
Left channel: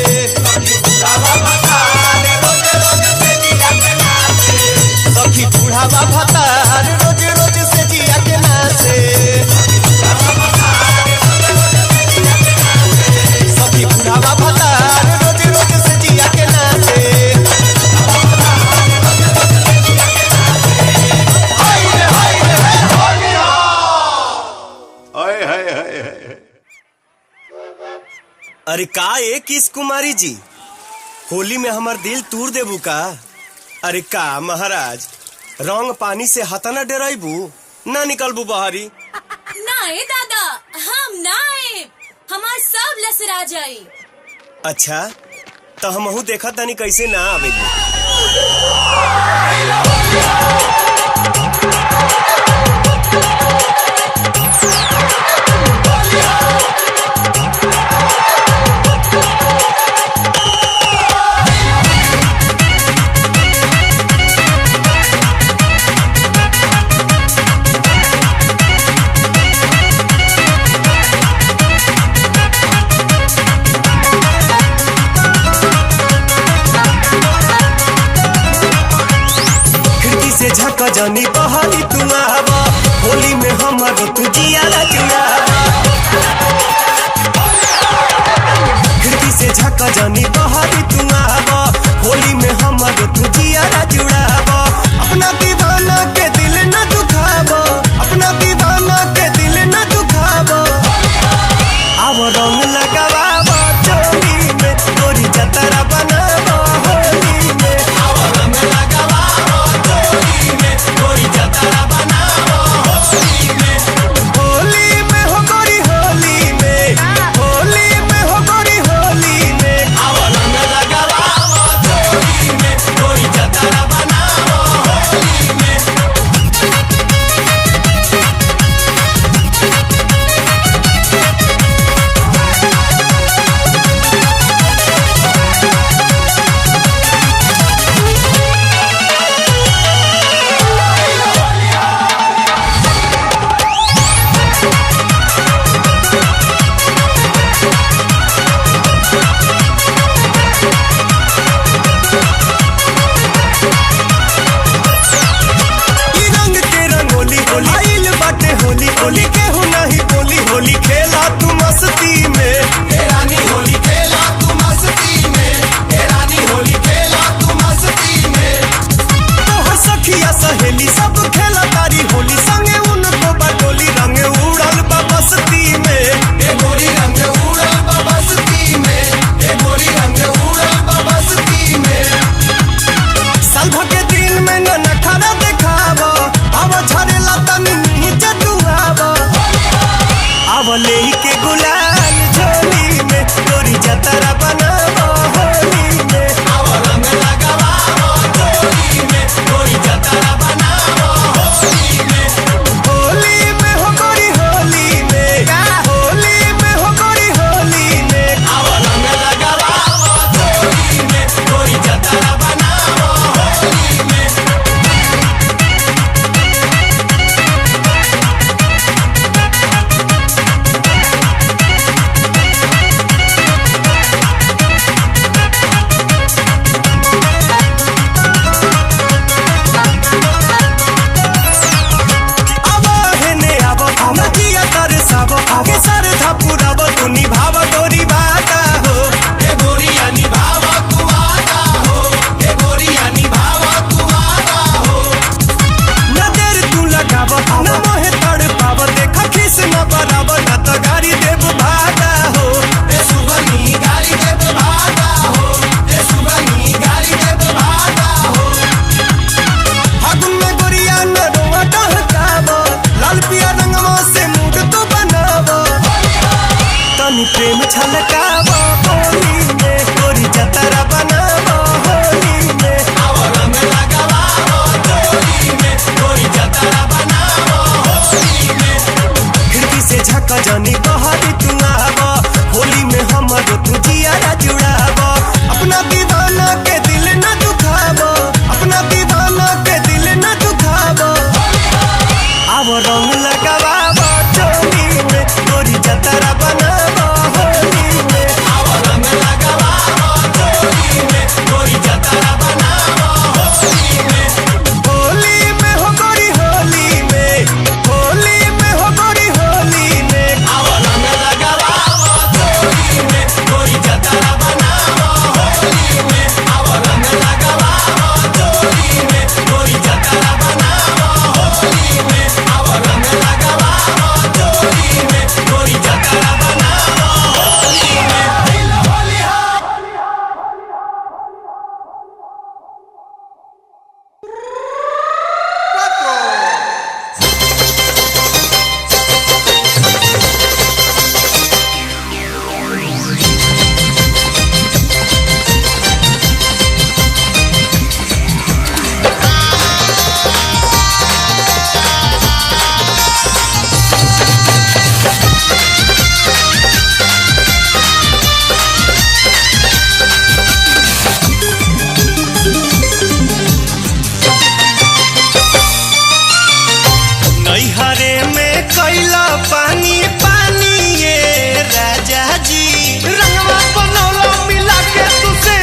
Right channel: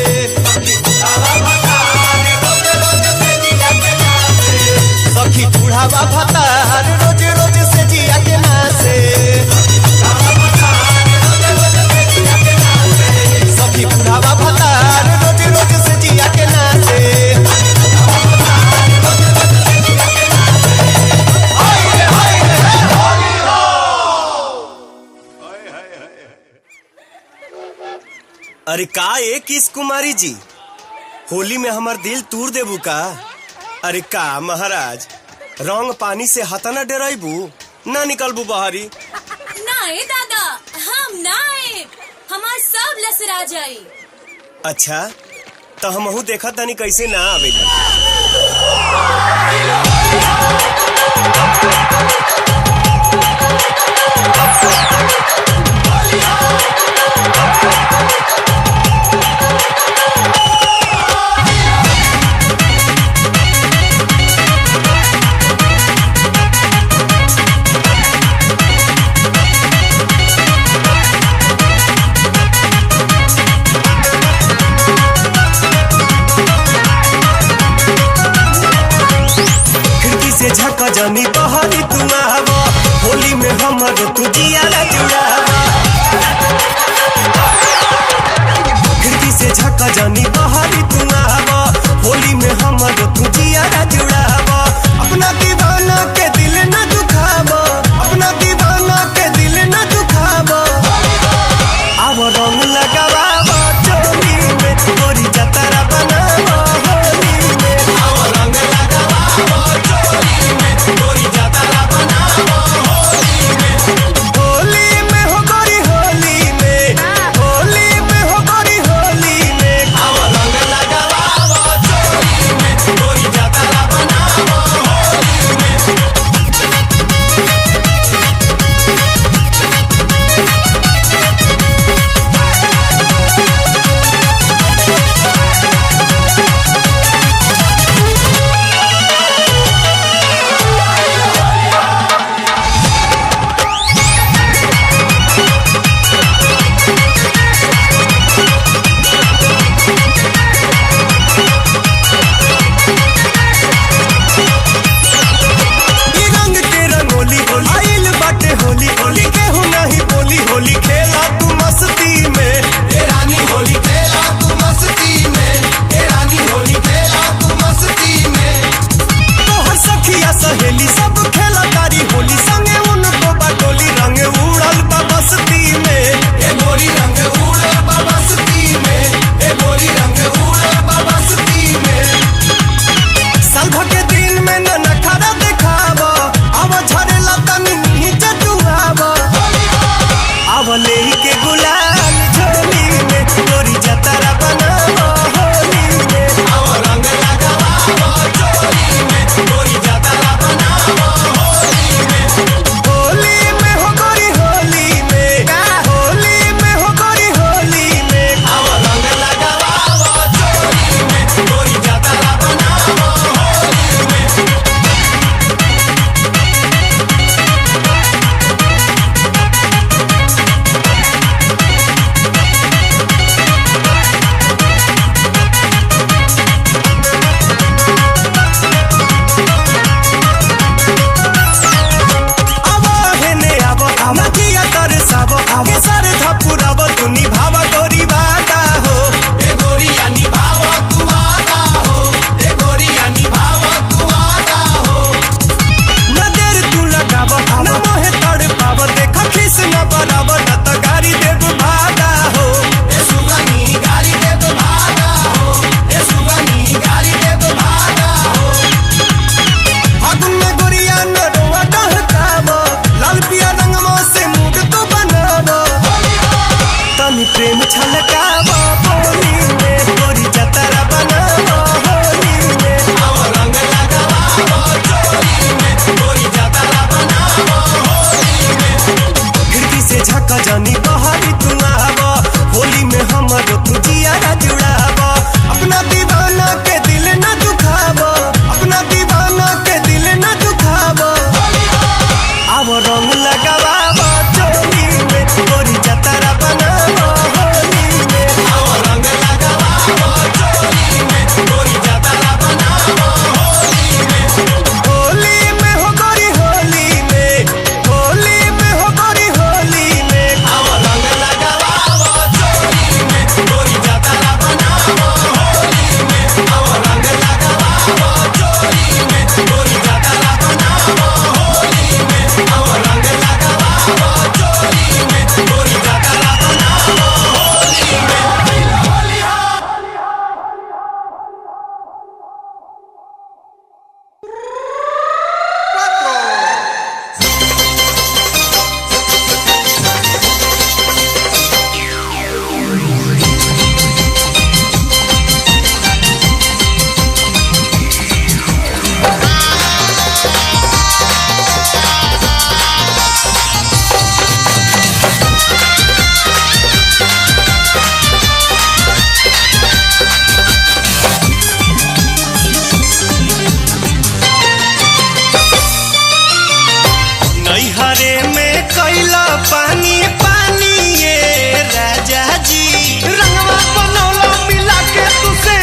सखी बुढ़ावा भतार रोज रोज से जिया के नासे सखी बुढ़ावा भतार रोज रोज से जिया के नासे अरे का एक किस कुमारी जी होली में हमर दिल तूर देबू का अरे का महाराज रंग पानी से हतना डराइबू ना निकलबू बहरी नाए दादा हम नाए हमार सब लसरा जाई अच्छा तो हमहू देखा तनी कैसे ना आवेली झक जनी बहरी तू आवा होली में हमर तू जियाला जुड़ावा खिड़की से झक जनी बहरी तू आवा होली में हमर तू जियाला जुड़ावा अपना दीवाना के दिल न दुखावा अपना दीवाना के दिल न दुखावा आव रंग लगावा चोली में गोरी जतरा बनावा होली में प्रेम छलकावा होली में गोरी जतरा बनावा होली में रंग लगावा चोली में गोरी जतरा बनावा होली में खिड़की से झका जानी बहारी तू आवा होली में हमारो तू जियारा जुड़ावा अपना दीवाना के दिल न दुखावा अपना दीवाना के दिल न दुखावा अब रंग लगावा चोली में गोरी जतरा बनावा होली में रंग लगावा चोली में गोरी जतरा बनावा होली में होली में हो गोरी होली में होली में हो गोरी होली में रंग लगावा चोली में गोरी जतरा बनावा होली में रंग लगावा चोली में गोरी जतरा बनावा होली में रंग लगावा चोली में गोरी जतरा बनावा होली में होली नैहरे में कैला पानी पानी ये राजा जी रंगवा बनौला मिला के तू से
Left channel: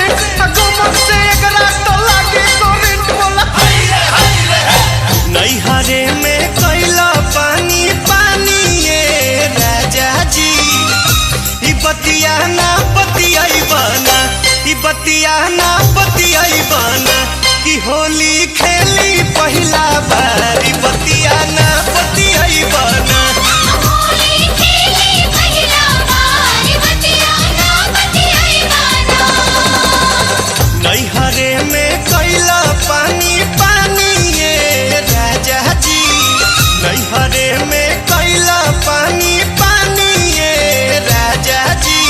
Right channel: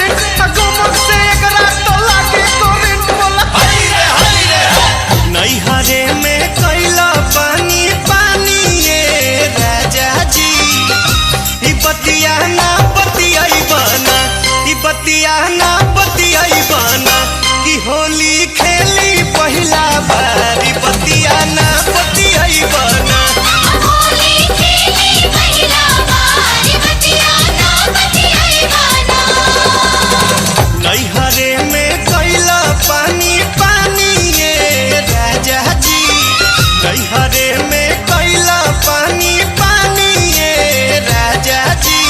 गमक से एकरा तो लागे करेंट बोला नैहरे में कैला पानी पानी ये राजा जी ई बतिया ना बतियाई बना ई बतिया ना बतियाई बना कि होली खेली पहिला बारी बतिया ना बतियाई बना होली खेली पहिला बार बतिया ना बतियाई बना नैहरे में कैला पानी पानी ये राजा जी नैहरे में कैला पानी पानी ये राजा जी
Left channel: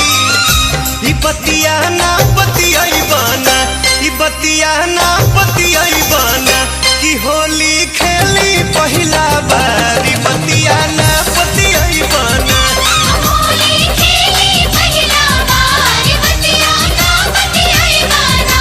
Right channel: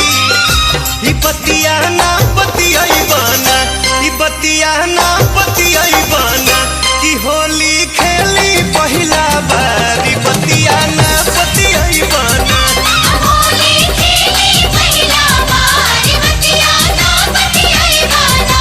ई बतिया ना बतियाई बना ई बतिया ना बतियाई बना कि होली खेली पहिला बारी बतिया ना बतियाई बना होली खेली पहिला बार बतिया ना बतियाई बना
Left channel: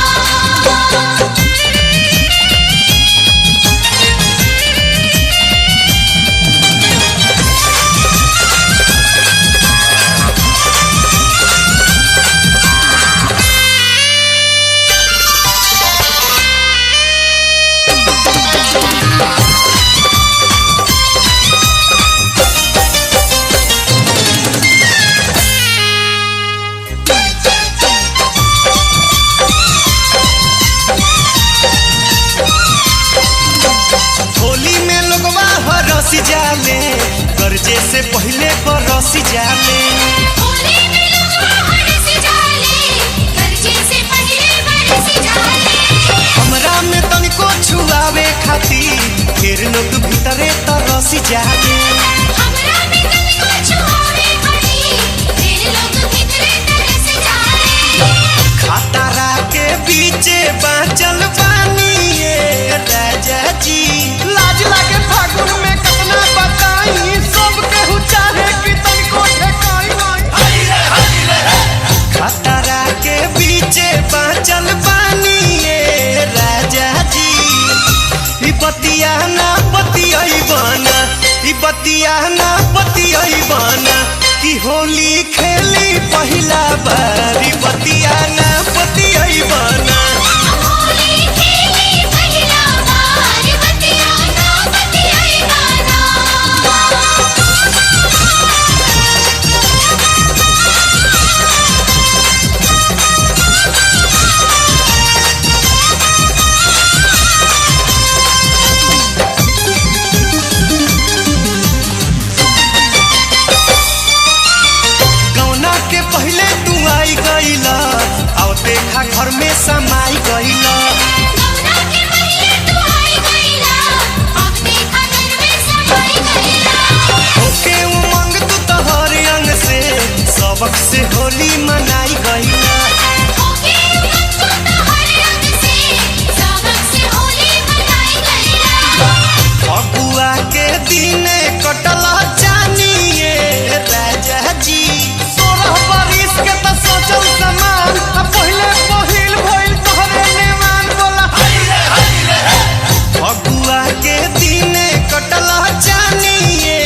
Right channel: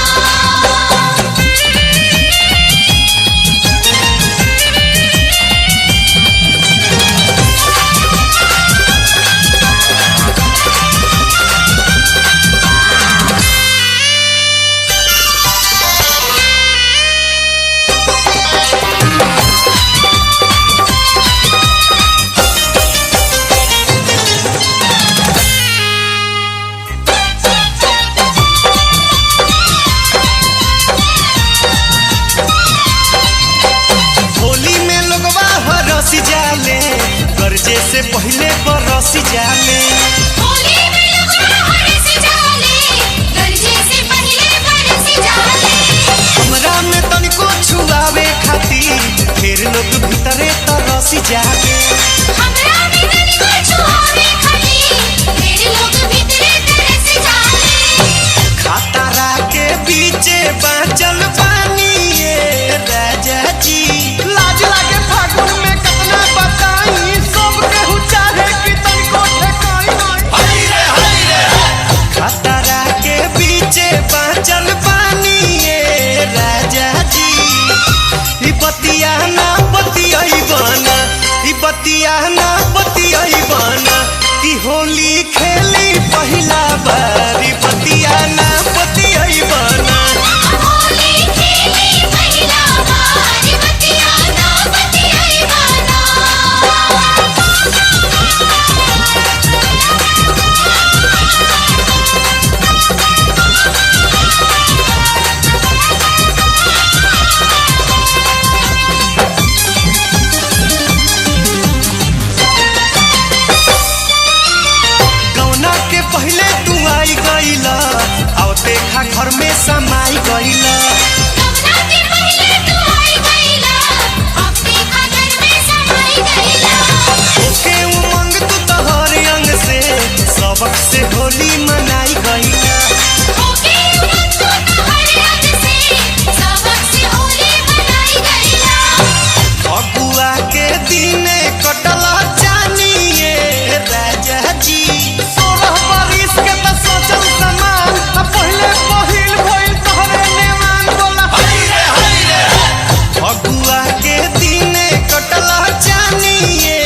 होली में लोगवा हरस जाले गर्जे से पहले बरस जाले होली में लोग हरस जाले गरजे से पहले बरस जाले हमरा में तनिको छुआवे खातिर फिर लोग भीतरे तरस जाले हमरा में तनिको छुआवे खातिर फिर लोग भीतरे तरस जाले खतरा के बीचे बाँचल बानी ये राजा जी लाज लागे फागुन में कितना बताई सब केहू चाहे कि तनिको ठेकाई नहीं खतरा के बीचे बाँचल बानी ये राजा जी ई बतिया ना बतियाई बना ई बतिया ना बतियाई बना कि होली खेली पहिला बारी बतिया ना बतियाई बना होली खेली पहिला बार बतिया ना बतियाई बना गौना के पहले तू आई गईला और देखा घर में समाई गईला गौना के पहले तू आई गईला अब देखा घर में समाई गईला ओके उमंग तू तोहर अंग से सब सबक से होली मनाई गईला। ओके उनको तो हर रंग से सबक से होली मनाई गईला। अगुआ के दिने कटला जानिए राजा जी। 16 बरिस के तो सोचल समान पहले पहिल भइल तोहरे नेमान बोला। अगुआ के दिने कटला जानिए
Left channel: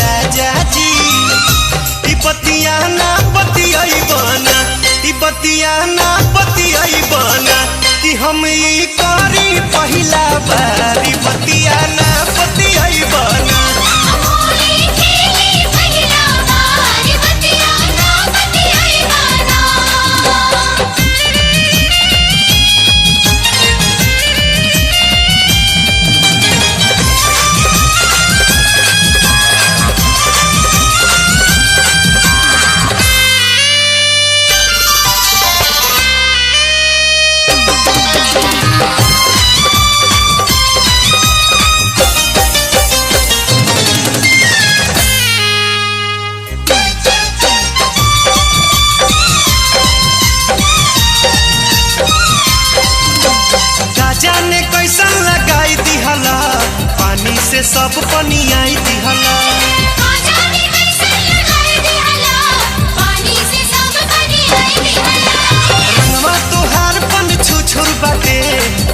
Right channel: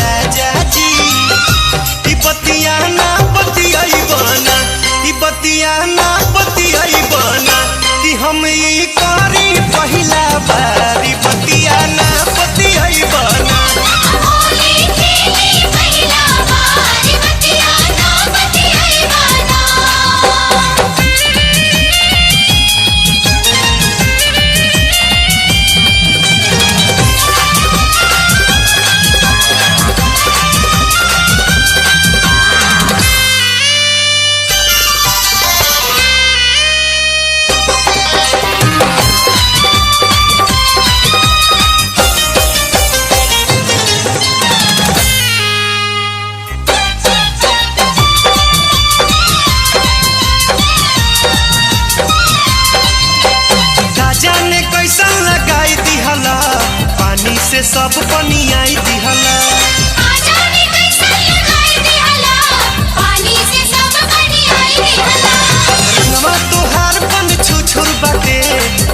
राजा जी। ई बतिया ना बतियाई बना, ई बतिया ना बतियाई बना कि हम ई करी पहिला बार। ई बतिया ना बतियाई बना। होली खेली पहिला बार बतिया ना बतियाई बना। जाने कैसन लगाई दिहला, पानी से सब पनियाई दिहला। आजादी कैसे लगाई दिहला, पानी से सब बनियाई दिहला। रंगवा तोहार पन छुछुर बाटे,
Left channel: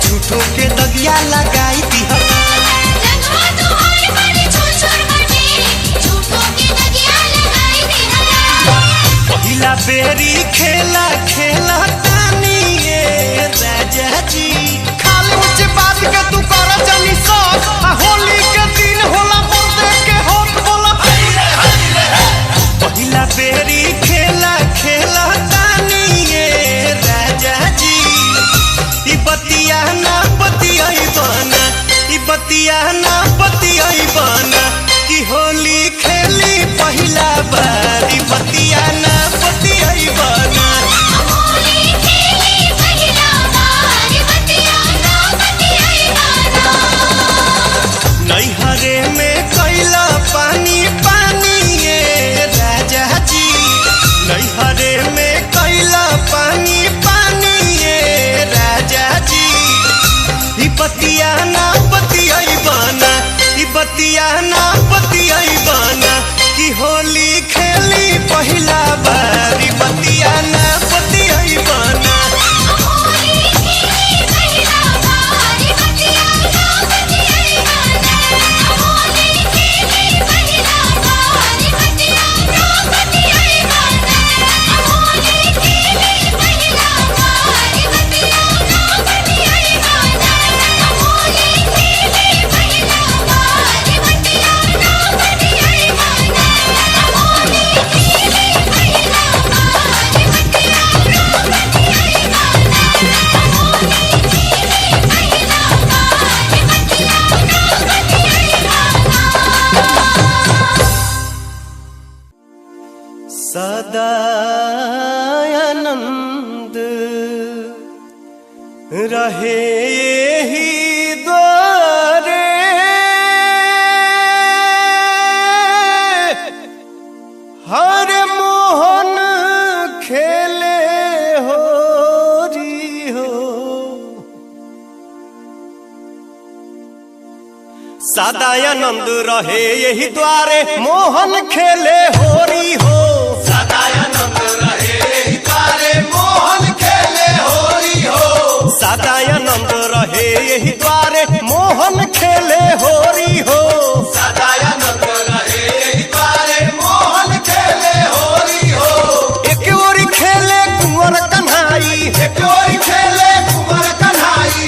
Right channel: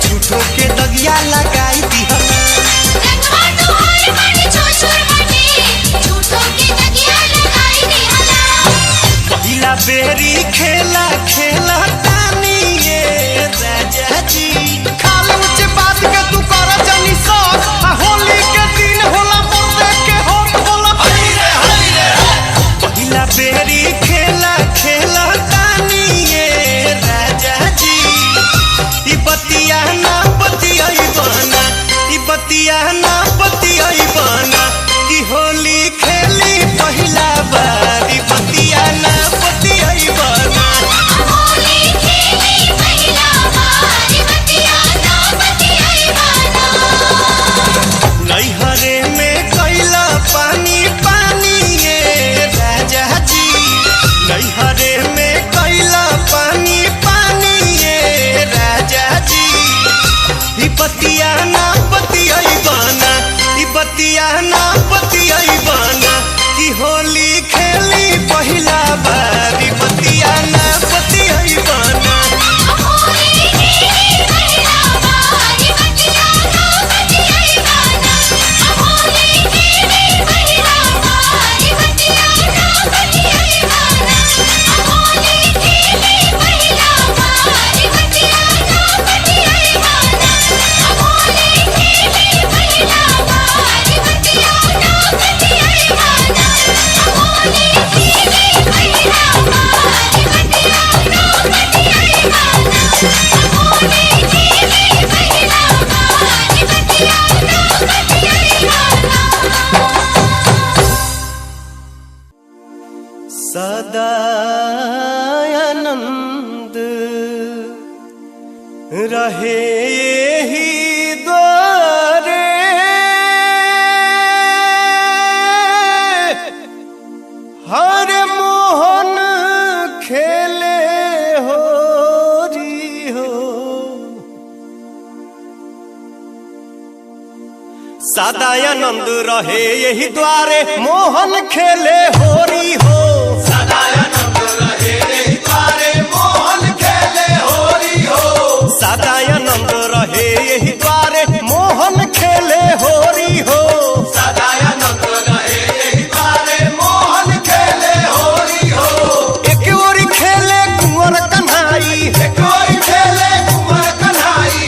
झूठो के दगिया लगाई दिहला। रंगवा तोहार बड़ी छोछोर बाटे, झूठों की दगिया लगाई दिहला। पहिला बेरी खेला खेला तानी ये राजा जी। खाली ऊंच बात के तू कर जानी सब, आ होली के दिन होला मर्दे के होत बोला। पहिला बेरी खेला खेला तानी ये राजा जी। ई बतिया ना बतियाई बना, ई बतिया ना बतियाई बना कि होली खेली पहिला बार। ई बतिया ना बतियाई बना। होली खेली पहिला बार बतिया ना बतियाई बना। नैहरे में कैला पानी पानी ये राजा जी। नैहरे में कैला पानी पानी ये राजा जी। ई बतिया ना बतियाई बना, ई बतिया ना बतियाई बना कि होली खेली पहिला बार। ई बतिया ना बतियाई बना। होली खेली पहिला बार बतिया ना बतियाई बना। होली खेली पहिला बार बतिया ना बतियाई बना। होली खेली पहिला बार बतिया ना बतियाई बना। होली खेली पहिला बार बतिया ना बतियाई बना। होली खेली पहिला बार सदा आनंद रहे ही द्वारे। हर मोहन खेले होरी हो। सदा आनंद रहे यही द्वारे, मोहन खेले होरी हो। सदा आनंद रहे यही द्वारे, मोहन खेले होरी हो। एक ओरी खेले कुंवर कन्हाई, एक ओरी खेले कुंवर कन्हाई,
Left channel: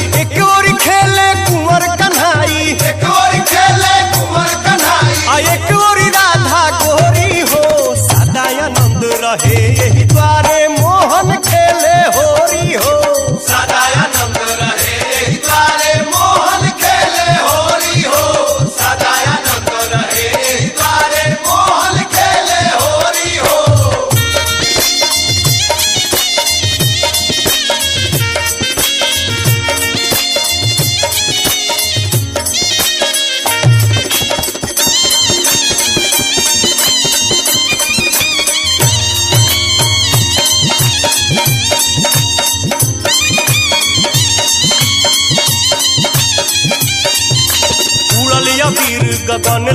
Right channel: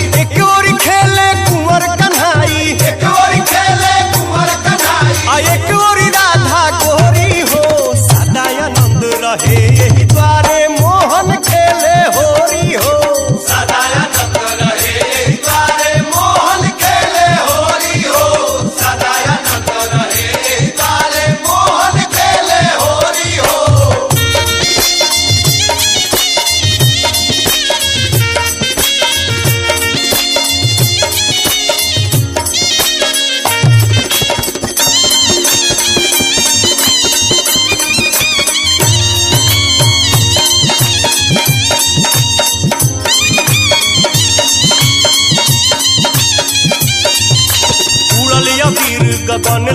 आ एक ओरी राधा गोरी हो। सदा आनंद रहे यही द्वारे, मोहन खेले होरी हो। सदा आनंद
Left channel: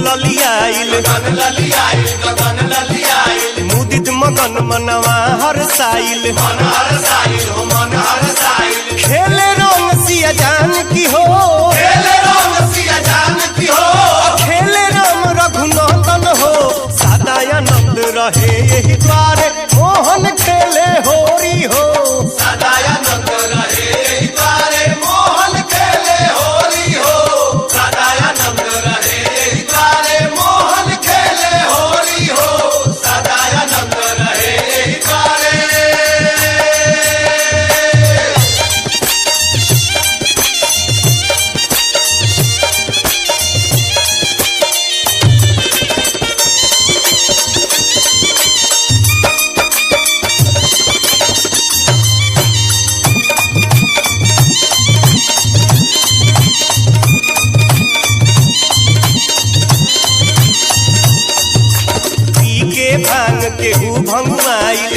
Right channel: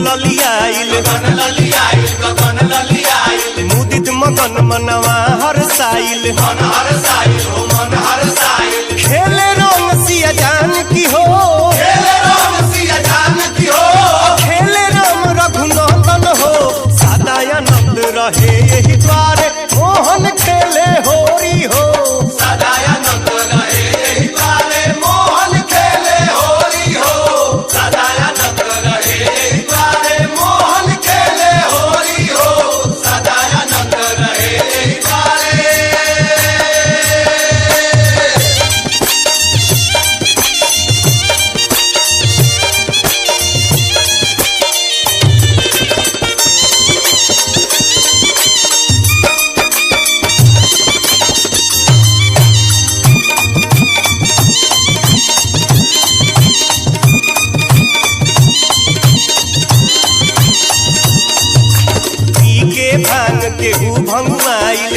ललियाइल मुदित मगन मनवा हर साइल खेले रंग सिया जान की हो खेले राम रघुनंदन हो सदानंद रहे यही द्वारे मोहन खेले होरी हो सदानंद रहे यही द्वारे मोहन खेले होरी हो सदानंद रहे यही द्वारे मोहन खेले होरी हो सदानंद रहे यही द्वारे भांग केहू भंगुआइल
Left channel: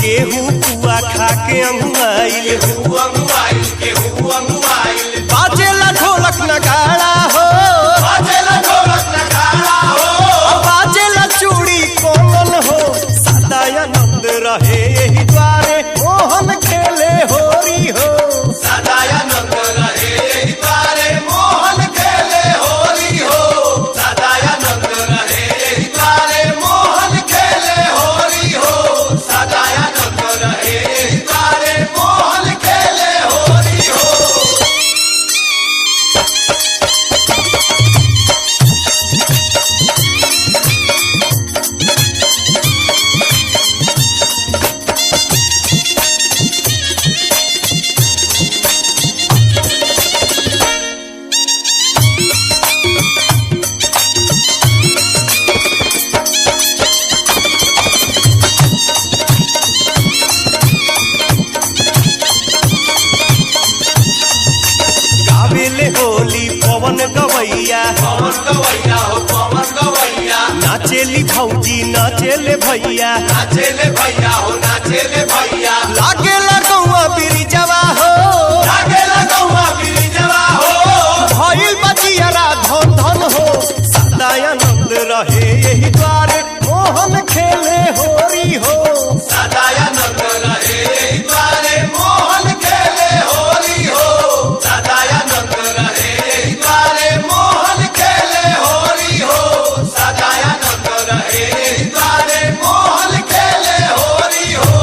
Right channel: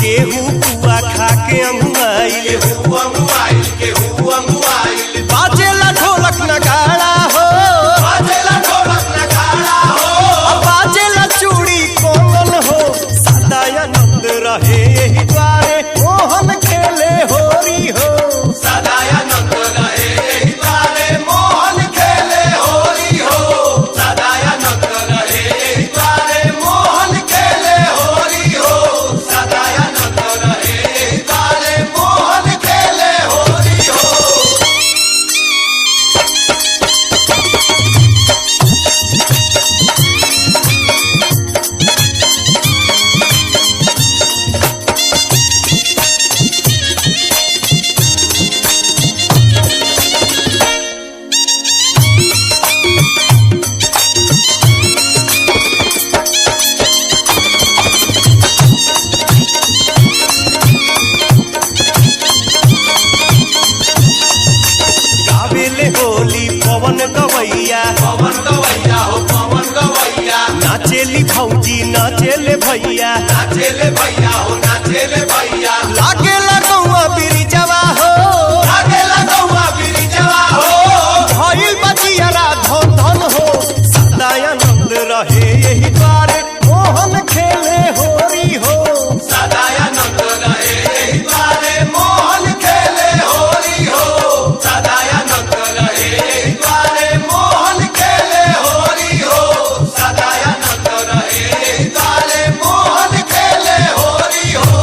केहू पुआ खा के अंगुआइल बाजेला ढोलक नगाड़ा हो बाजेला चूड़ी कोमल हो सदानंद रहे यही द्वारे मोहन खेले होरी हो सदानंद रहे यही द्वारे मोहन खेले होरी हो सदानंद रहे यही द्वारे मोहन खेले होरी हो सदानंद रहे यही द्वारे मोहन खेले होरी हो गावेले होली पवन गवैया हो पवन गवैया नाचेली भौजी नाचेले भैया नाचेले भैया हो नाचेले भैया लागेला गौआ बिरिजवा हो लागेला गौआ बिरिजवा हो भइल बजियारा धन धन हो सदानंद रहे यही द्वारे मोहन खेले होरी हो सदानंद रहे यही द्वारे मोहन खेले होरी हो सदानंद रहे यही द्वारे मोहन खेले होरी हो सदानंद रहे यही द्वारे मोहन खेले होरी हो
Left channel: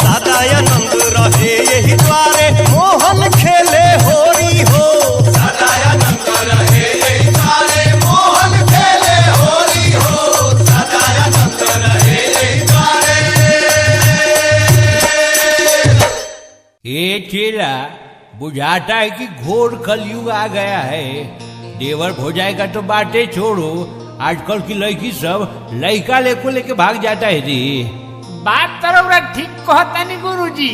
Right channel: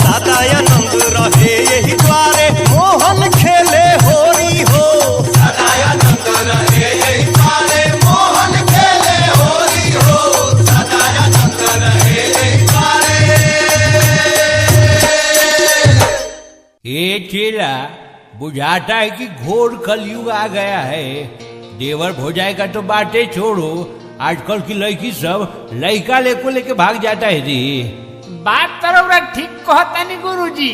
सदानंद रहे यही द्वारे मोहन खेले होरी हो सदानंद रहे यही द्वारे मोहन खेले होरी हो सदानंद रहे यही द्वारे ये चेला बुझाता है कि घोर कलयुग आ गया है। देवर भोजाई का तो बातें छोड़ो, आजकल की लड़की सब लड़का लेके भाग जाता है रे। बात तरह ठीक कहतानी गुरुजी।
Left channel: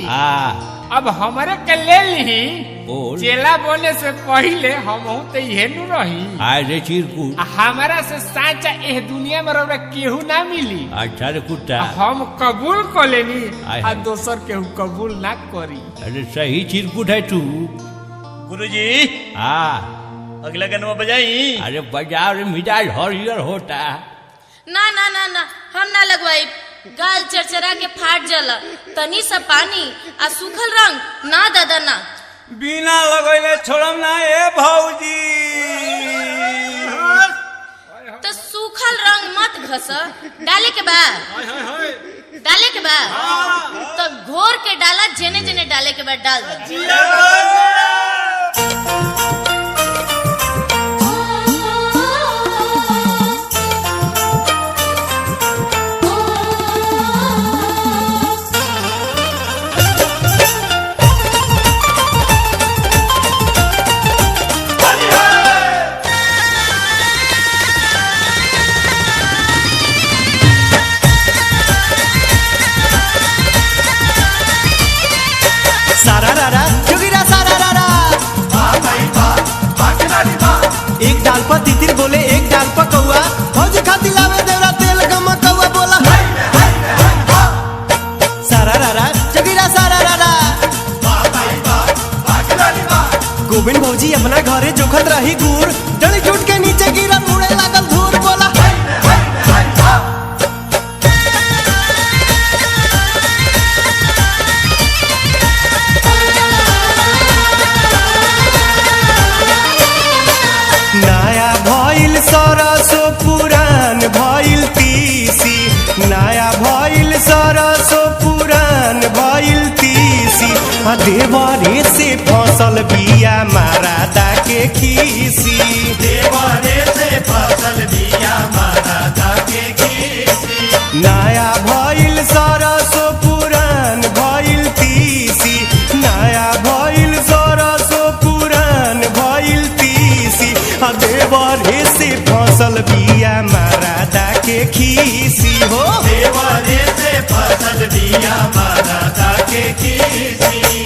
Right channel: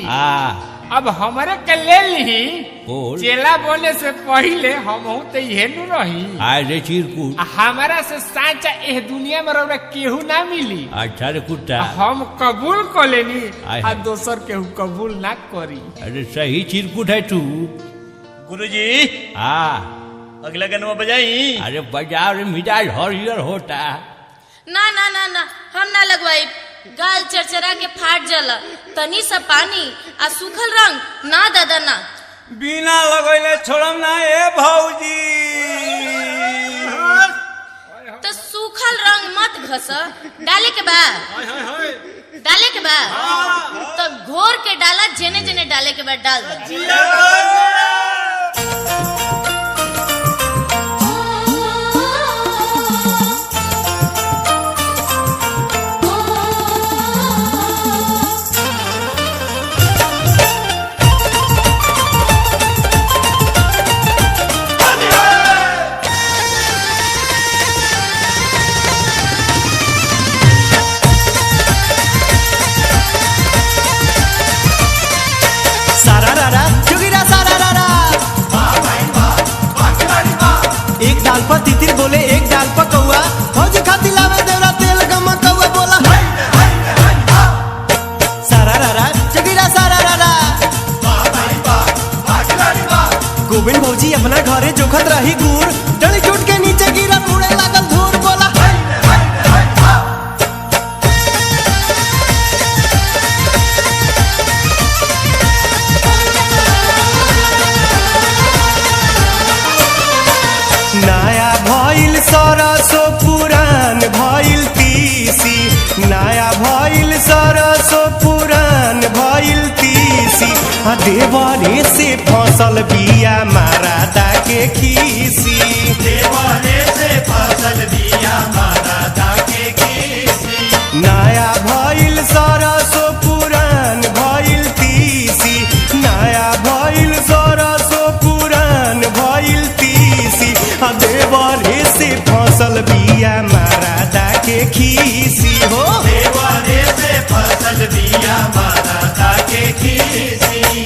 अब हमारे के ले ली बोल। चेला बोले से पहले हम तो यह नु रही। रे चिरकुट, हमारा से साचा एह दुनिया में रौरा केहू ना मिली। अच्छा रे कुत्ता, हम कबूल कर लेनी आय आ हाय। दोसर केहू कबूल ना करी। अरे सही चिरकुट है तू। गुरुजी अगला गनवा बजाई। अरे बजाओ रे, मिजाज हरियर होता। ना ना ना ना हम ना लगवाई। गाल चरचरा के फाट जला, तनी सा पानी आ सूखल रंग ना दादा ना। बिना लगैले छोड़म ना ए भौजी। तो सूखल रंग मत घस, डाले के बा डाले के बा तो घोर के डाला, जेने जेने डाले के बाद डाल दे। सारारारा जोगिरा सारारारा। एक डाल पर तितिर बोले एक डाल पर कौआ, फौजी खाती लावे देवरा तेल गम कौआ बोला सारारारा जोगिरा सारारारा। गोविंद भौजी अपना घरे जोखत रही गुड़, डली नया भइल सरसो पुरान भइल तीसी, नया भइल सरसो पुरान भइल तीसी, देवरे से फसल बिया मारादा के खीसी, देवरे से फसल बिया मारादा के खीसी। नया भइल सरसो पुरान भइल तीसी, नया भइल सरसो पुरान भइल तीसी, देवरे से फसल बिया मारादा के खीसी हो, देवरे से फसल बिया मारादा के खीसी।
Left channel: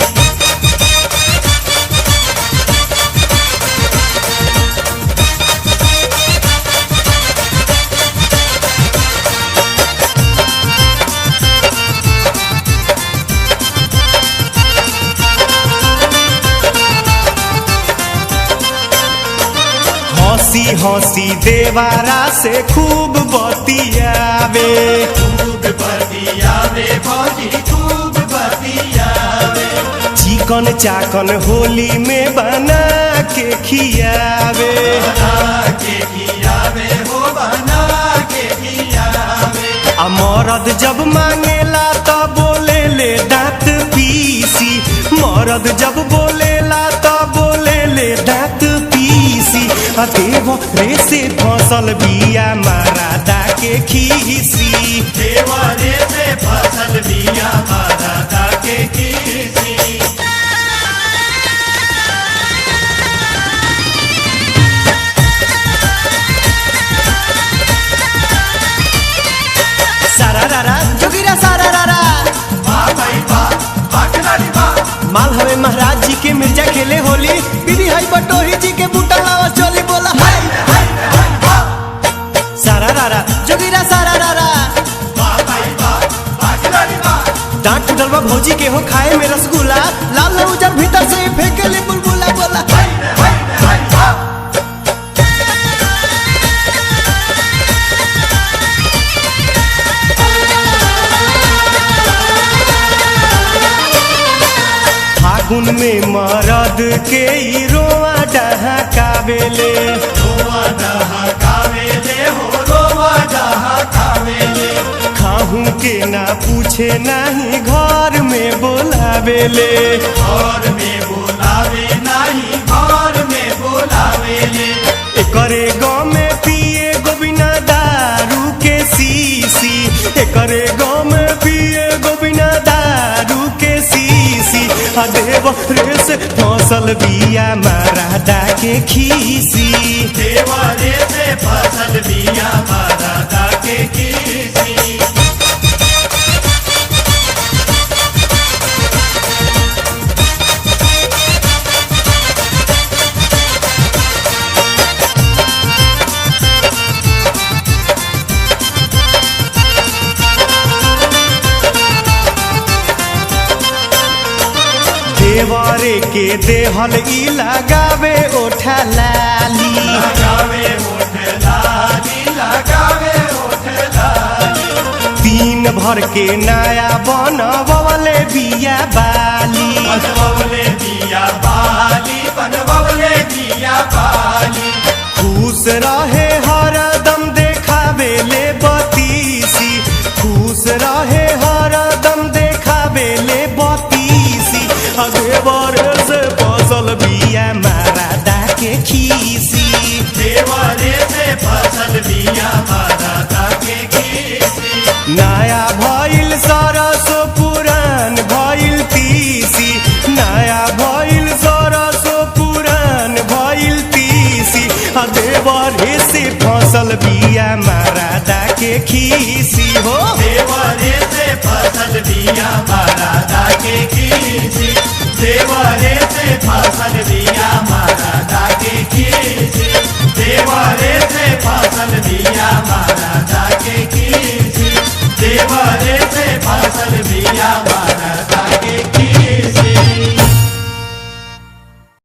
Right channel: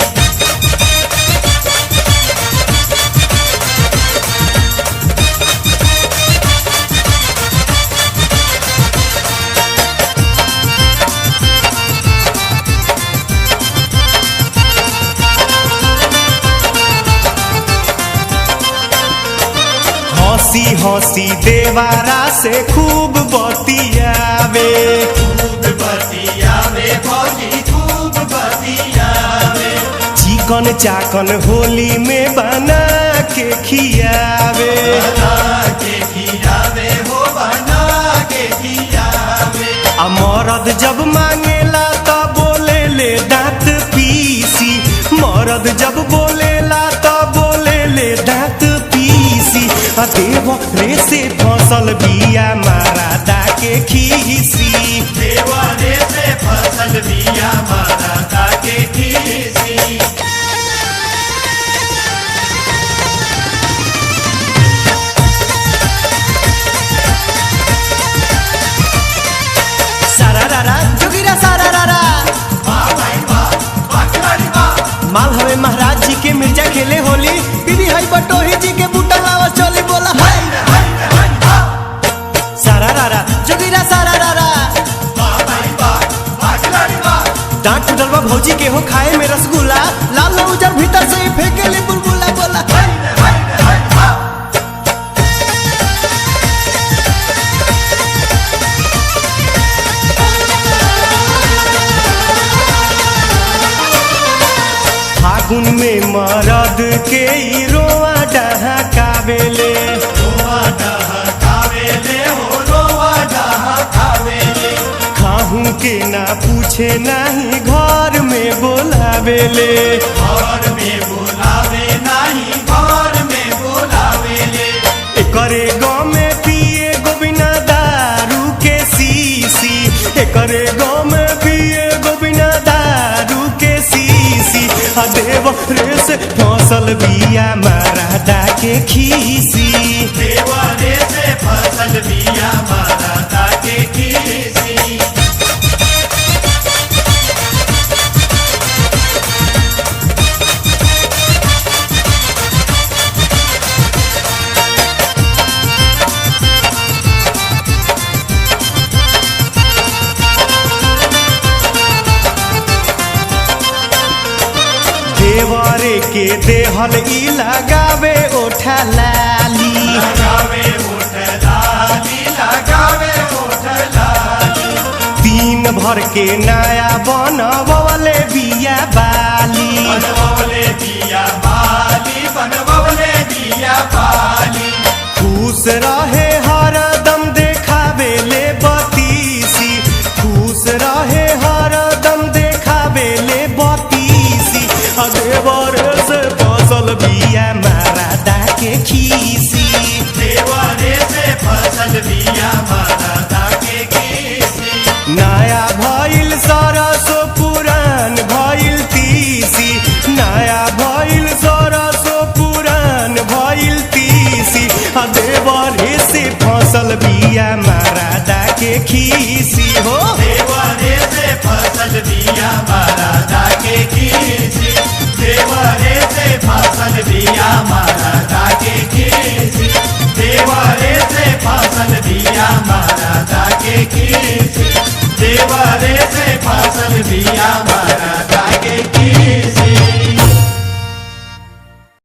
हंसी हंसी देवारा से खूब बतियावे, खूब बतियावे भौजी खूब बतियावे, चिकन चाकन होली में बना के खियावे, बना के खियावे हो बना के खियावे। मरद जब मांगेला तो बोले ले दांत पीसी, मरद जब बोलेला तो बोले ले दांत पीसी, देवरे से फसल बिया मारादा के खीसी, देवरे से फसल बिया मारादा के खीसी। सारा रारा जोगिरा सारा रारा, वाह भाई वाह, वाह खिलाड़ी वाह। माल हवे महाराज जी के मिर्जा खेले होली, बीबी हई बटोही जी के बूटा लावा चोली बोला हाय हाय हाय वाह, सारा रारा जोगिरा सारा रारा, वाह भाई वाह, वाह खिलाड़ी वाह। डांट टूटल बा भौजी के हो खाए में रसगुल्ला, लाल न उजर भीतर से फेंके ले बुलबुला बोला हाय हाय हाय वाह। फागुन में मरद के ई रोआ डहाकावेले, रोवा डहाकावेले हो रोवा डहाकावेले, खाहू के ना पूछे नाही घर में बोलावेले, घर में बोलावे नहीं घर में बोलावेले। एकरे गाँव में पिए गोबिना दारू के सीसी, एकरे गाँव में पिए गोबिना दारू के सीसी, देवरे से फसल बिया मारादा के खीसी, देवरे से फसल बिया मारादा के खीसी। देवरे के देहल ई लगावे ओठा लाली, लगावे होठ लाली लगावे होठ लाली, दिन भर के नया बनवले बिया बाली, बनवले दिया बाली बनवले दिया बाली। खुश रहे हरदम देखावे ले बतीसी, खुश रहे हरदम देखावे ले बतीसी, देवरे से फसल बिया मारादा के खीसी, देवरे से फसल बिया मारादा के खीसी। नया भइल सरसो पुरान भइल तीसी, नया भइल सरसो पुरान भइल तीसी, देवरे से फसल बिया मारादा के खीसी हो, देवरे से फसल बिया मारादा के खीसी, देवरे से फसल बिया